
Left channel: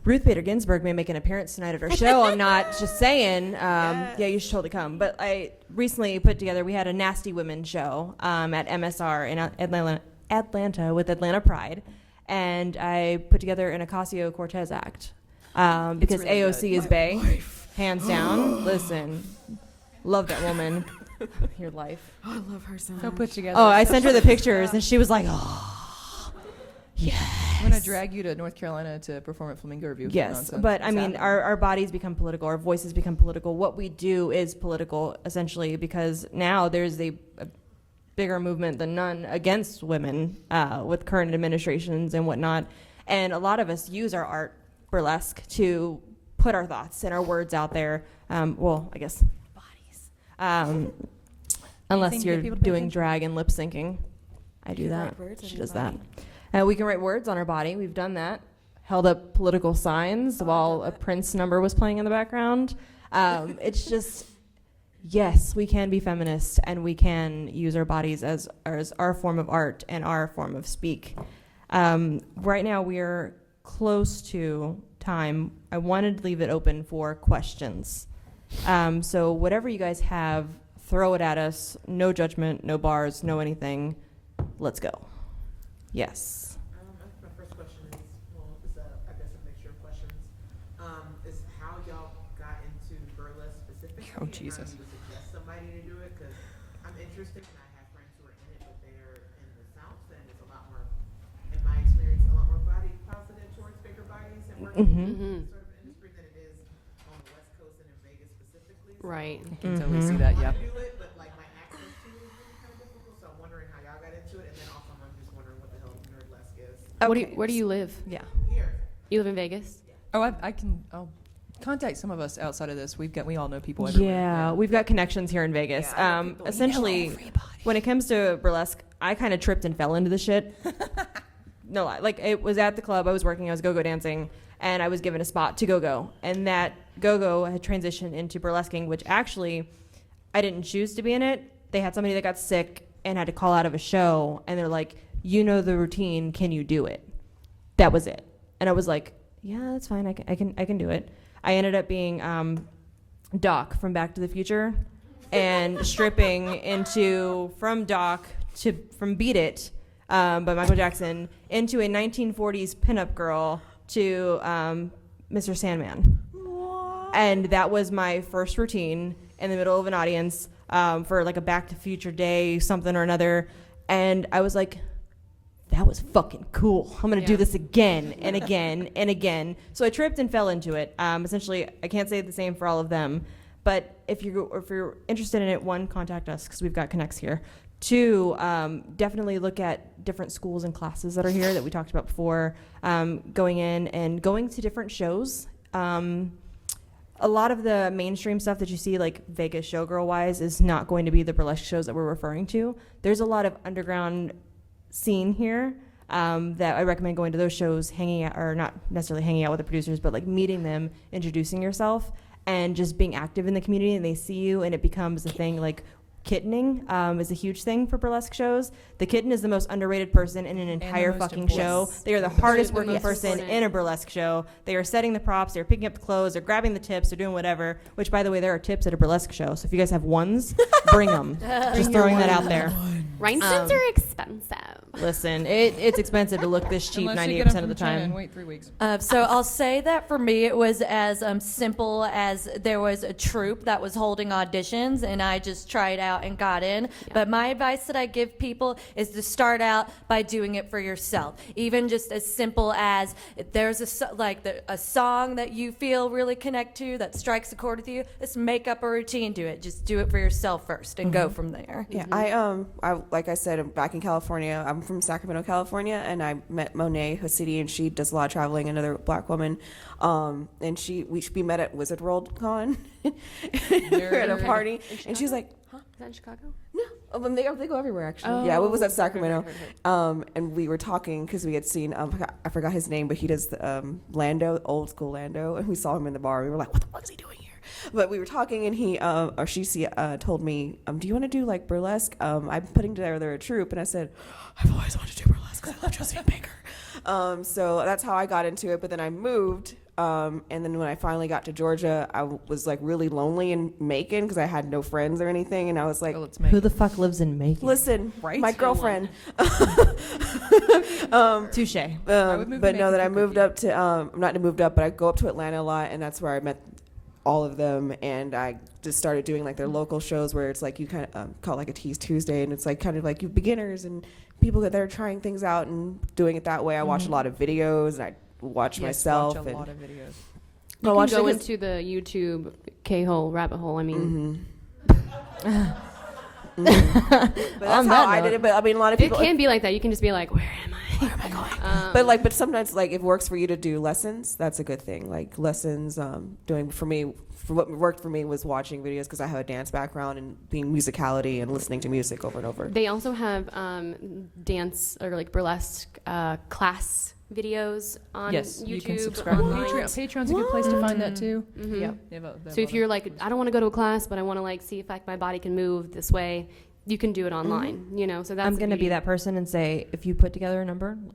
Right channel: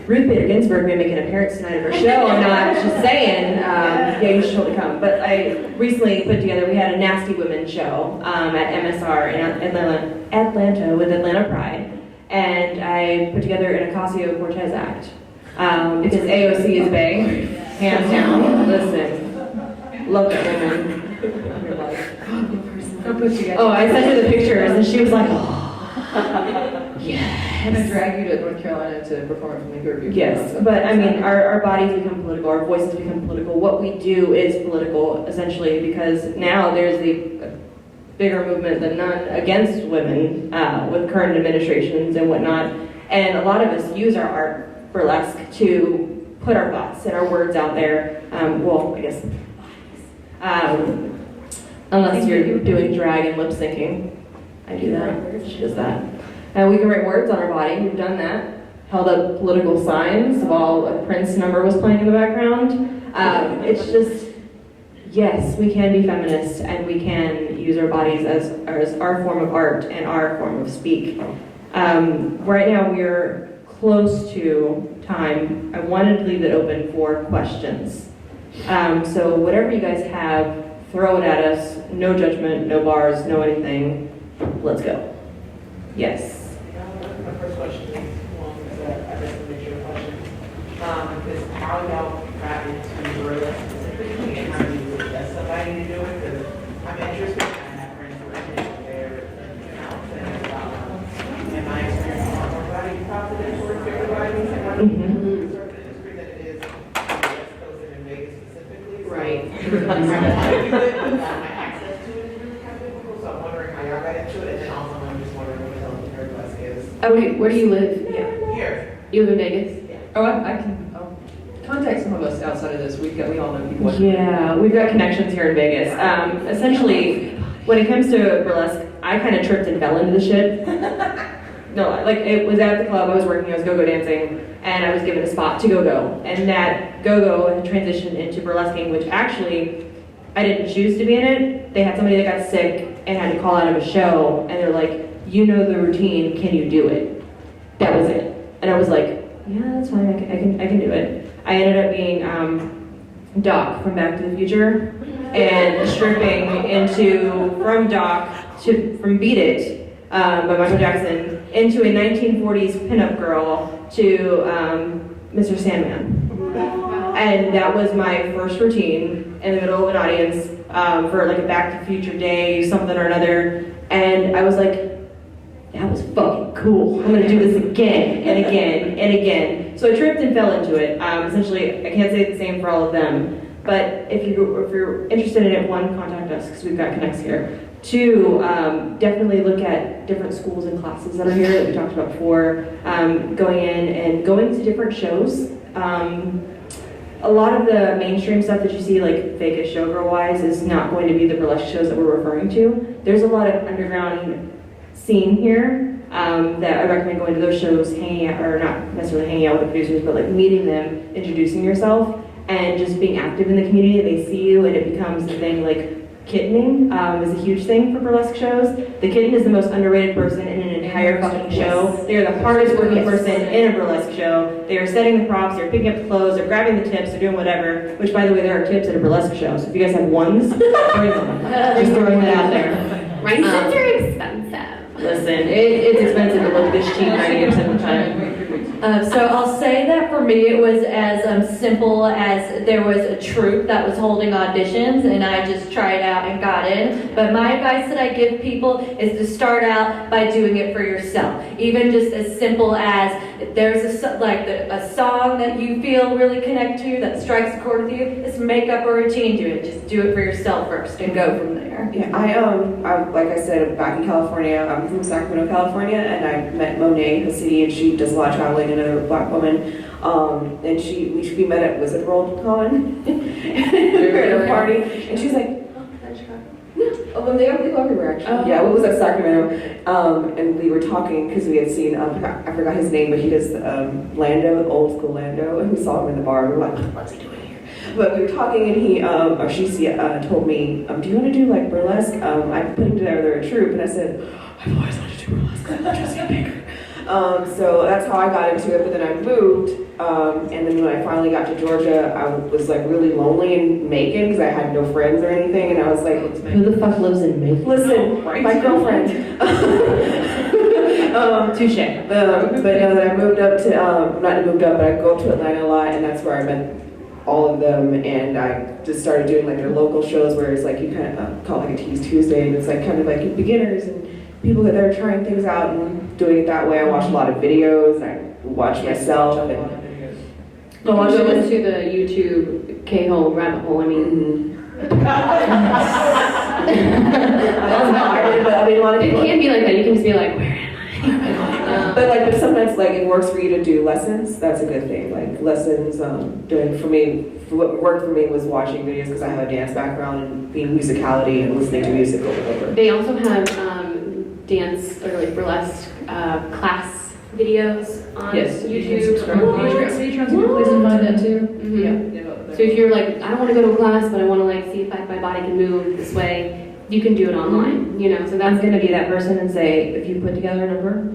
Ruth Bader Ginsburg may make an appearance tonight at our show. I'm not just saying, you should totally come. But I recently put together, we had a Nasty Women show at MSR in Atlanta with Atlanta Pride. And I put together an Ocasio-Cortez act. Because AOC is bae, hands down. Listen, love that woman. Your life. Oh, I sent her the pictures and she was like, oh, yes. I'm going to drag you to North Carolina to perform at Flamingo Review. Yes, but I mean, our bodies become political, our voices become political. What we do is political, essentially, because now there's the bigger movement than none against women with current administrations and whatnot. And a lot of us use our art, burlesque, to put our thoughts and our words out there. Well, I guess, unless you're doing drag and lip syncing. I do that, she does that. We can write words on our body, we've done that. Held up political signs while a Prince number was playing in the background. It's just, yes, we can be feminists and we can use our bodies as our form of art and our form of speak. Right now we're close to time. I wanted to leave it open for questions. So whatever you guys have, throw it at us. No judgment, no bars, no anything. let's go. Yes. My first question is, I guess to make sure the question, is how y'all got into burlesque specifically and how you would get somebody to do it? Because I'm interested and I have friends who are in there and out and about. In my experience, a lot more body positive for figure writing and what certain industry that it is on the West Coast and in Vegas specifically. Right. How do you do it? But my access to it is really kind of difficult, so I'm wondering how y'all got into it, and then also I'm just wondering what the hell burlesque is. Where do you live? Here. You live in Vegas? Oh, I can contact some of us outside of this. We all know people. Yeah, we've got connections here in Vegas. Essentially, when it comes to burlesque, I kind of tripped and fell into the shit. No, like it was at the club I was working, I was go-go dancing, and I was given a spot to go-go. And that go-go had transitioned into burlesquing, which actually, I didn't choose to be in it. They had somebody that got sick and had to call out of a show, and they're like, you know the routine, can you do it? That was it. And I was like, yeah, that's fine, I can do it. I ended up being Doc from Back to the Future, and stripping from Beat It by Michael Jackson into a 1940s pinup girl to Mr. Sandman. And that was my first routine in the middle of an audience for like a Back to the Future day, something or another. And I was like, that was fucking cool. I'm gonna do this again and again and again. So I tripped and fell into it. Essentially, I can't say the same for all of them. But if you're interested in it, one, contact us because we've got connects here. Two, definitely look at different schools and classes that are here that we talked about before. Going in and going to different shows. A lot of the mainstream stuff that you see, like Vegas showgirl-wise, is not going to be the burlesque shows that we're referring to. There's a lot of underground scene here that I recommend going to those shows, hanging out, or not necessarily hanging out with the producers, but like meeting them, introducing yourself, and just being active in the community. They see you, and it becomes the thing. Like kittening is a huge thing for burlesque shows. The kitten is the most underrated person in an entire fucking show. They are the hardest working person in a burlesque show. They are setting the props, they're picking up the clothes, they're grabbing the tips, they're doing whatever. Which, by the way, there are tips at a burlesque show. So if you guys have ones, bring them. Just throwing that out there. Right? Tips are expensive. Listen, it's expensive to look this cheap 90% of the time. So I'll say that for me it was as simple as there was a troupe that was holding auditions and I just tried out and got in. But my advice that I give people is to start out by doing it for yourself. Even just as simple as if there's a song that you feel really connect to that strikes a chord with you, just make up a routine to it. Just do it for yourself first and go from there. Yeah, I like I said, back in California, I'm from Sacramento, California, and I met Monet Cassidy, and she does a lot of traveling, another black woman, and we met at Wizard World Con at a party, and she's like, oh, they go everywhere actually. Oh. Yeah, it was at Sacramento, and we were talking because we had seen, I forgot his name, but he does Lando, old school Lando, and we saw him in the bar, and we were like, what's he doing here? But we were talking, and she told me, do you want to do like burlesque? I'm putting together a troupe, and I said, I've always wanted to do burlesque because I love Jessica Baker. So that's how I got into it, but then I moved, and then when I finally got to Georgia, I was like really lonely in Macon because I had no friends or anything, and I was like, who the fuck lives in Macon? Listen, my girlfriend. Touche. But no, then I moved up to, not moved up, but I go up to Atlanta a lot, and that's where I met all of them, and I just started doing like their local shows where it's like you kind of call it like a Tease Tuesday, and it's like kind of like beginners and people that they're trying things out and doing it that way. I watch a lot of videos, and I watch myself. Go into the YouTube K-hole rabbit hole. I mean, That's how I did it, but I mean a lot of it people. can be like that. You can just be like, where am I? But sometimes like it works for you to do lessons. That's a good thing. Like lessons, doing for me, what worked for me was watching videos because I have a dance background and being musicality and listening to music over and over. They also have dance or like burlesque class videos on YouTube. Patreon's a good place to find that too. Mm-hmm. Yeah. So if you're like, I don't want to go to a class, but I want to like see if my body can move this way, you can do it online. You know, so that's I'm going to be that person and say, if you put together a number,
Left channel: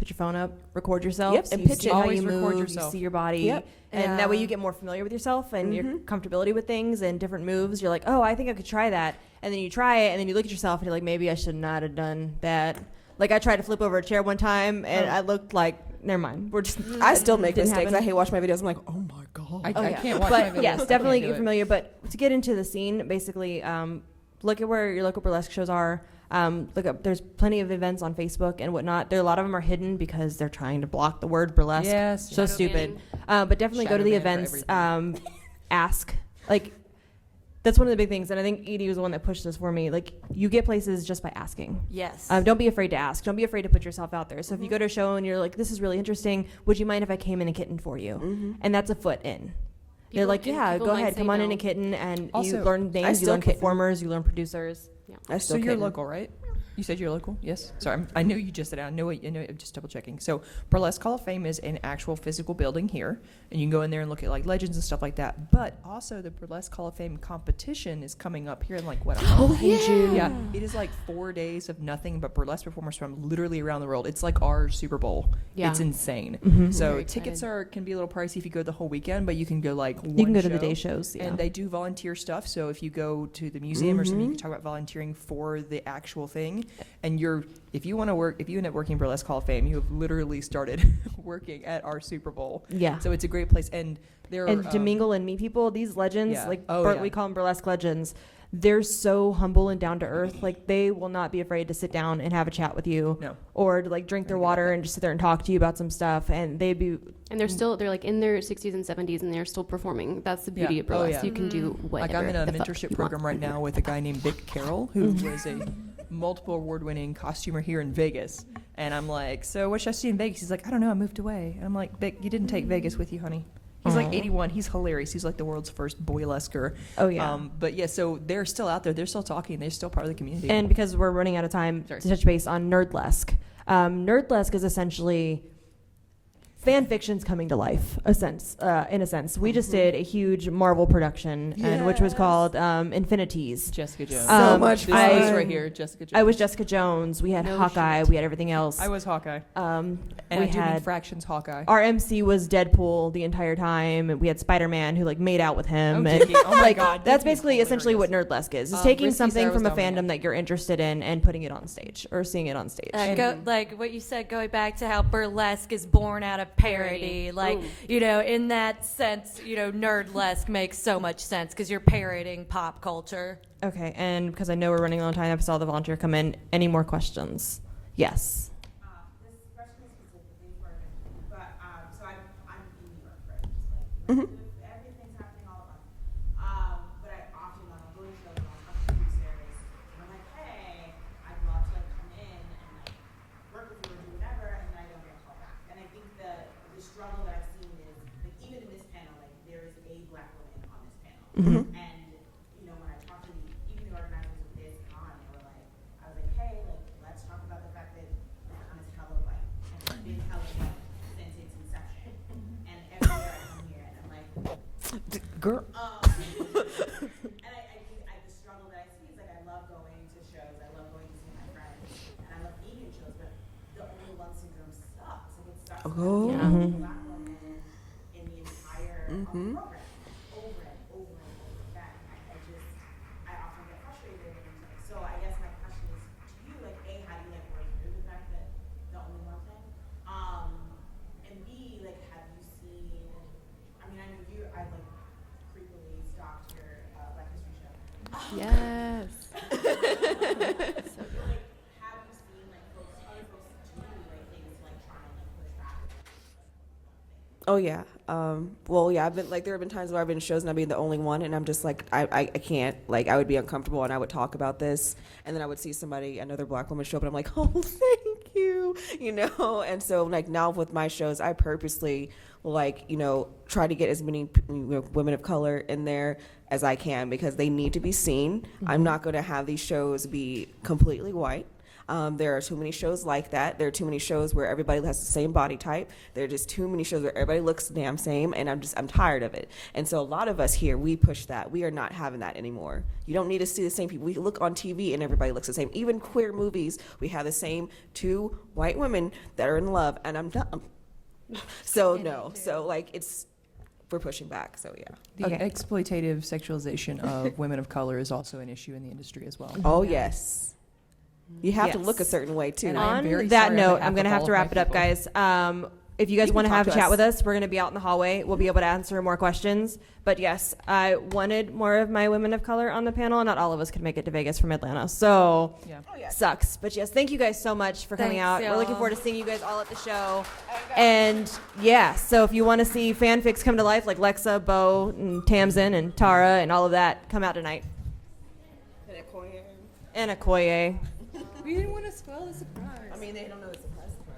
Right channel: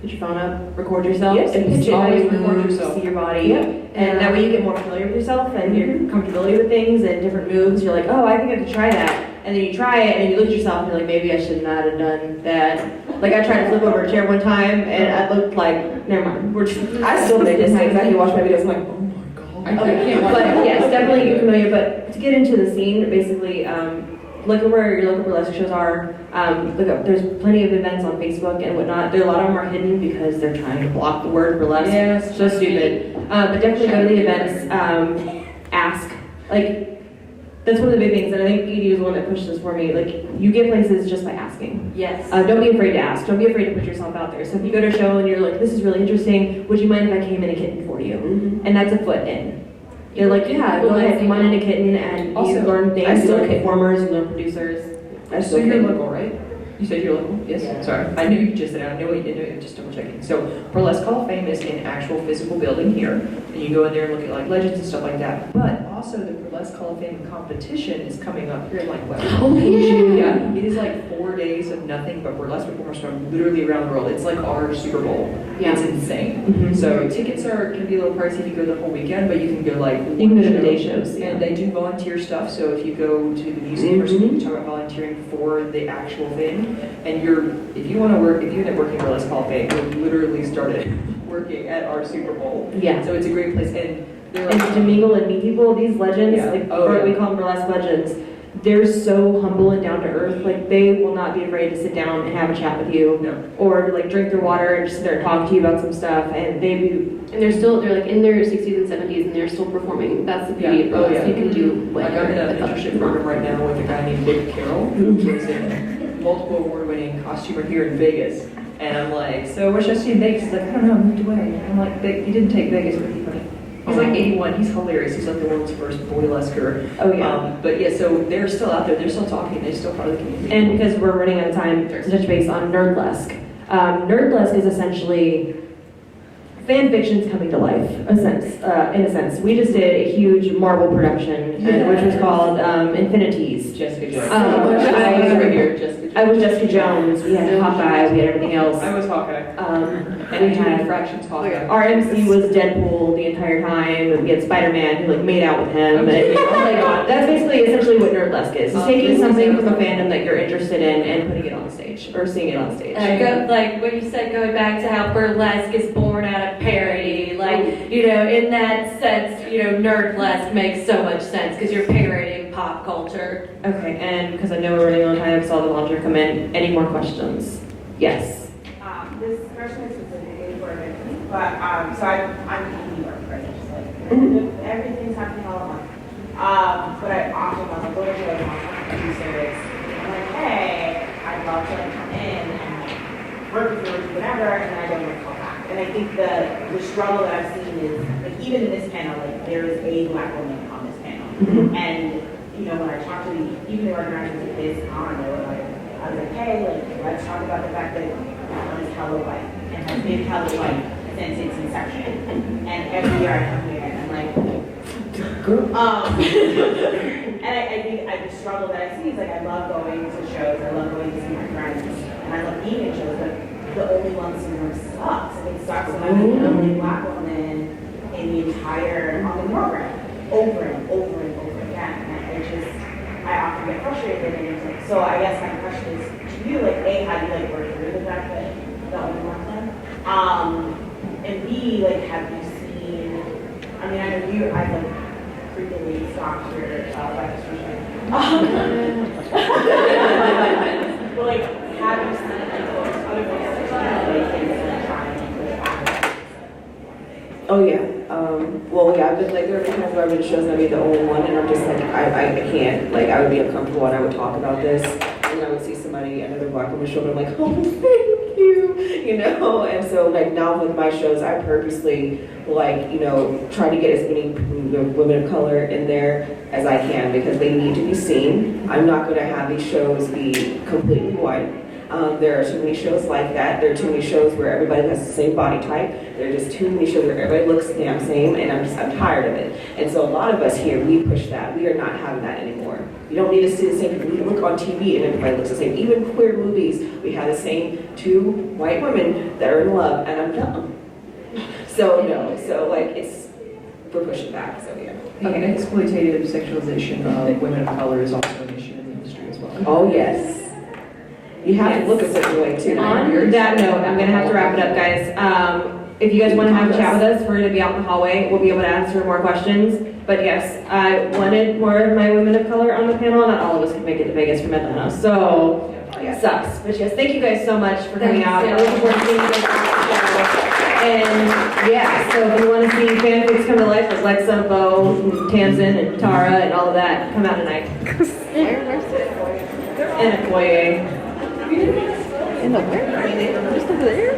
put your phone up, record yourself, Yes, and pitch it. always Record move, yourself. see your body, Yeah. and that way you get more familiar with yourself and your comfortability with things and different moves. You're like, oh, I think I could try that, and then you try it, and you look at yourself, and you're like, maybe I should not have done that. Like, I tried to flip over a chair one time, and I looked like, never mind. I still make mistakes. I can watch my videos, I'm like, oh my god. I can't watch But that. yes, definitely get familiar. But to get into the scene, basically, look at where your local burlesque shows are. Look up. There's plenty of events on Facebook and whatnot. A lot of them are hidden because they're trying to block the word burlesque. Yes, So stupid. But definitely go to the events. Ask. Like, that's one of the big things, and I think Edie was the one that pushed this for me. Like, you get places just by asking. Yes. Don't be afraid to ask. Don't be afraid to put yourself out there. So if you go to a show and you're like, this is really interesting, would you mind if I came in a kitten for you? Mm-hmm. And that's a foot in. You're like, yeah, go ahead, come on in a kitten, and Also, you learn I dance, you still learn kitten. performers, you learn producers. I So still you're can. local, right? You said you're local? Yes? Yeah. Sorry. I knew you just said I knew it, just double checking. So Burlesque Hall of Fame is an actual physical building here, and you go in there and look at like legends and stuff like that. But also the Burlesque Hall of Fame competition is coming up here like what? Oh, yeah. Yeah. It is like 4 days of nothing but burlesque performers from literally around the world. It's like our Super Bowl. Yeah. It's insane. Mm-hmm. So tickets can be a little pricey if you go the whole weekend, but you can go like You can one go to the show. day shows. And they do volunteer stuff, so if you go to the museum or something, you talk about volunteering for the actual thing, and if you want to work, if you end up working for Burlesque Hall of Fame, you literally started working at our Super Bowl. Yeah. So it's a great place, and they're And like, to mingle and meet people, these legends, Yeah. like Oh, yeah. we call them burlesque legends, they're so humble and down to earth. Like, they will not be afraid to sit down and have a chat with you, no. or to like drink their water and just sit there and talk to you about some stuff. And they do. And they're like in their 60s and 70s, and they're still performing. That's the beauty Yeah. of burlesque. Oh, yeah. You can do Like whatever. I'm in an with them. internship program right now with a guy named Dick Carroll, who is a multiple award-winning costumer here in Vegas. And I'm like, so what should I see in Vegas? He's like, I don't know, I moved away. And I'm like, he didn't take Vegas with you, honey. He's like 81. He's hilarious. He's like the world's first burlesquer. Oh yeah. But yeah, so they're still out there. They're still talking. They're still part of the community. And because we're running out of time, to touch base on Nerdlesque. Nerdlesque is essentially fan fiction's coming to life, in a sense. We just did a huge Marvel production, which was called Infinities. Jessica Jones. So much right here, Jessica Jones. I was Jessica Jones. We had Hawkeye. We had everything else. I was Hawkeye. And we had Fractions Hawkeye. our MC was Deadpool the entire time. And we had Spider-Man who like made out with him. And, like that's basically essentially what Nerdlesque is. It's taking something from a fandom that you're interested in and putting it on stage or seeing it on stage. Like what you said, going back to how burlesque is born out of parody, like, you know, in that sense, you know, Nerdlesque makes so much sense because you're parodying pop culture. Okay, and because I know we're running out of time, I saw the volunteer come in. Any more questions? Yes. This question is specifically for me, but so I'm in New York, right? Just like everything's happening all at once. But I often want to go to shows and I'll do service. I'm like, hey, I'd love to like come in and work with you or do whatever, and then I don't get called back. And I think the struggle that I've seen is like even in this panel, like there is a Black woman on this panel, and you know when I talk to even the organizers of this con, they were like, I was like, hey, like let's talk about the fact that is hella white and has been hella white since its inception. And every year I come here and I'm like, and I think the struggle that I see is like I love going to shows, I love going to see my friends, and I love being in shows, but the only one syndrome sucks. I think it sucks to have the only Black woman in the entire on the program over and over and over again. And I often get frustrated and it's like, so I guess my question is to you, like A, how do you like work through the fact that the only one thing? And B, like have you seen, I mean I know you, I like frequently stalked your breakfast for but like have you seen like those other voices that trying to push back? Oh yeah. Well, yeah. I've been like there have been times where I've been shows and I'd be the only one, and I'm just like I can't. Like I would be uncomfortable and I would talk about this, and I would see somebody, another Black woman show up, and I'm like, oh, thank you, you know. And so like now with my shows, I purposely like try to get as many women of color in there as I can because they need to be seen. I'm not going to have these shows be completely white. There are too many shows like that. There are too many shows where everybody has the same body type. There are just too many shows where everybody looks the damn same, and I'm tired of it. And so a lot of us here, we push that. We are not having that anymore. You don't need to see the same people. We look on TV and everybody looks the same. Even queer movies, we have the same two white women that are in love, and I'm dumb. So no, we're pushing back. So yeah. The exploitative sexualization of women of color is also an issue in the industry as well. Oh, yes. You have to look a certain way too. On that note, I'm gonna have to wrap it up, guys. If you guys want to have a chat with us, we're gonna be out in the hallway. We'll be able to answer more questions. But yes, I wanted more of my women of color on the panel. Not all of us could make it to Vegas from Atlanta, so it sucks. But yes, thank you guys so much for coming out. I look forward to seeing you guys on the show. And yeah, so if you want to see fanfics come to life like Lexa, Bo, and Tamsin, and Tara, and all of that, come out tonight. And Okoye. In the where? Just over there?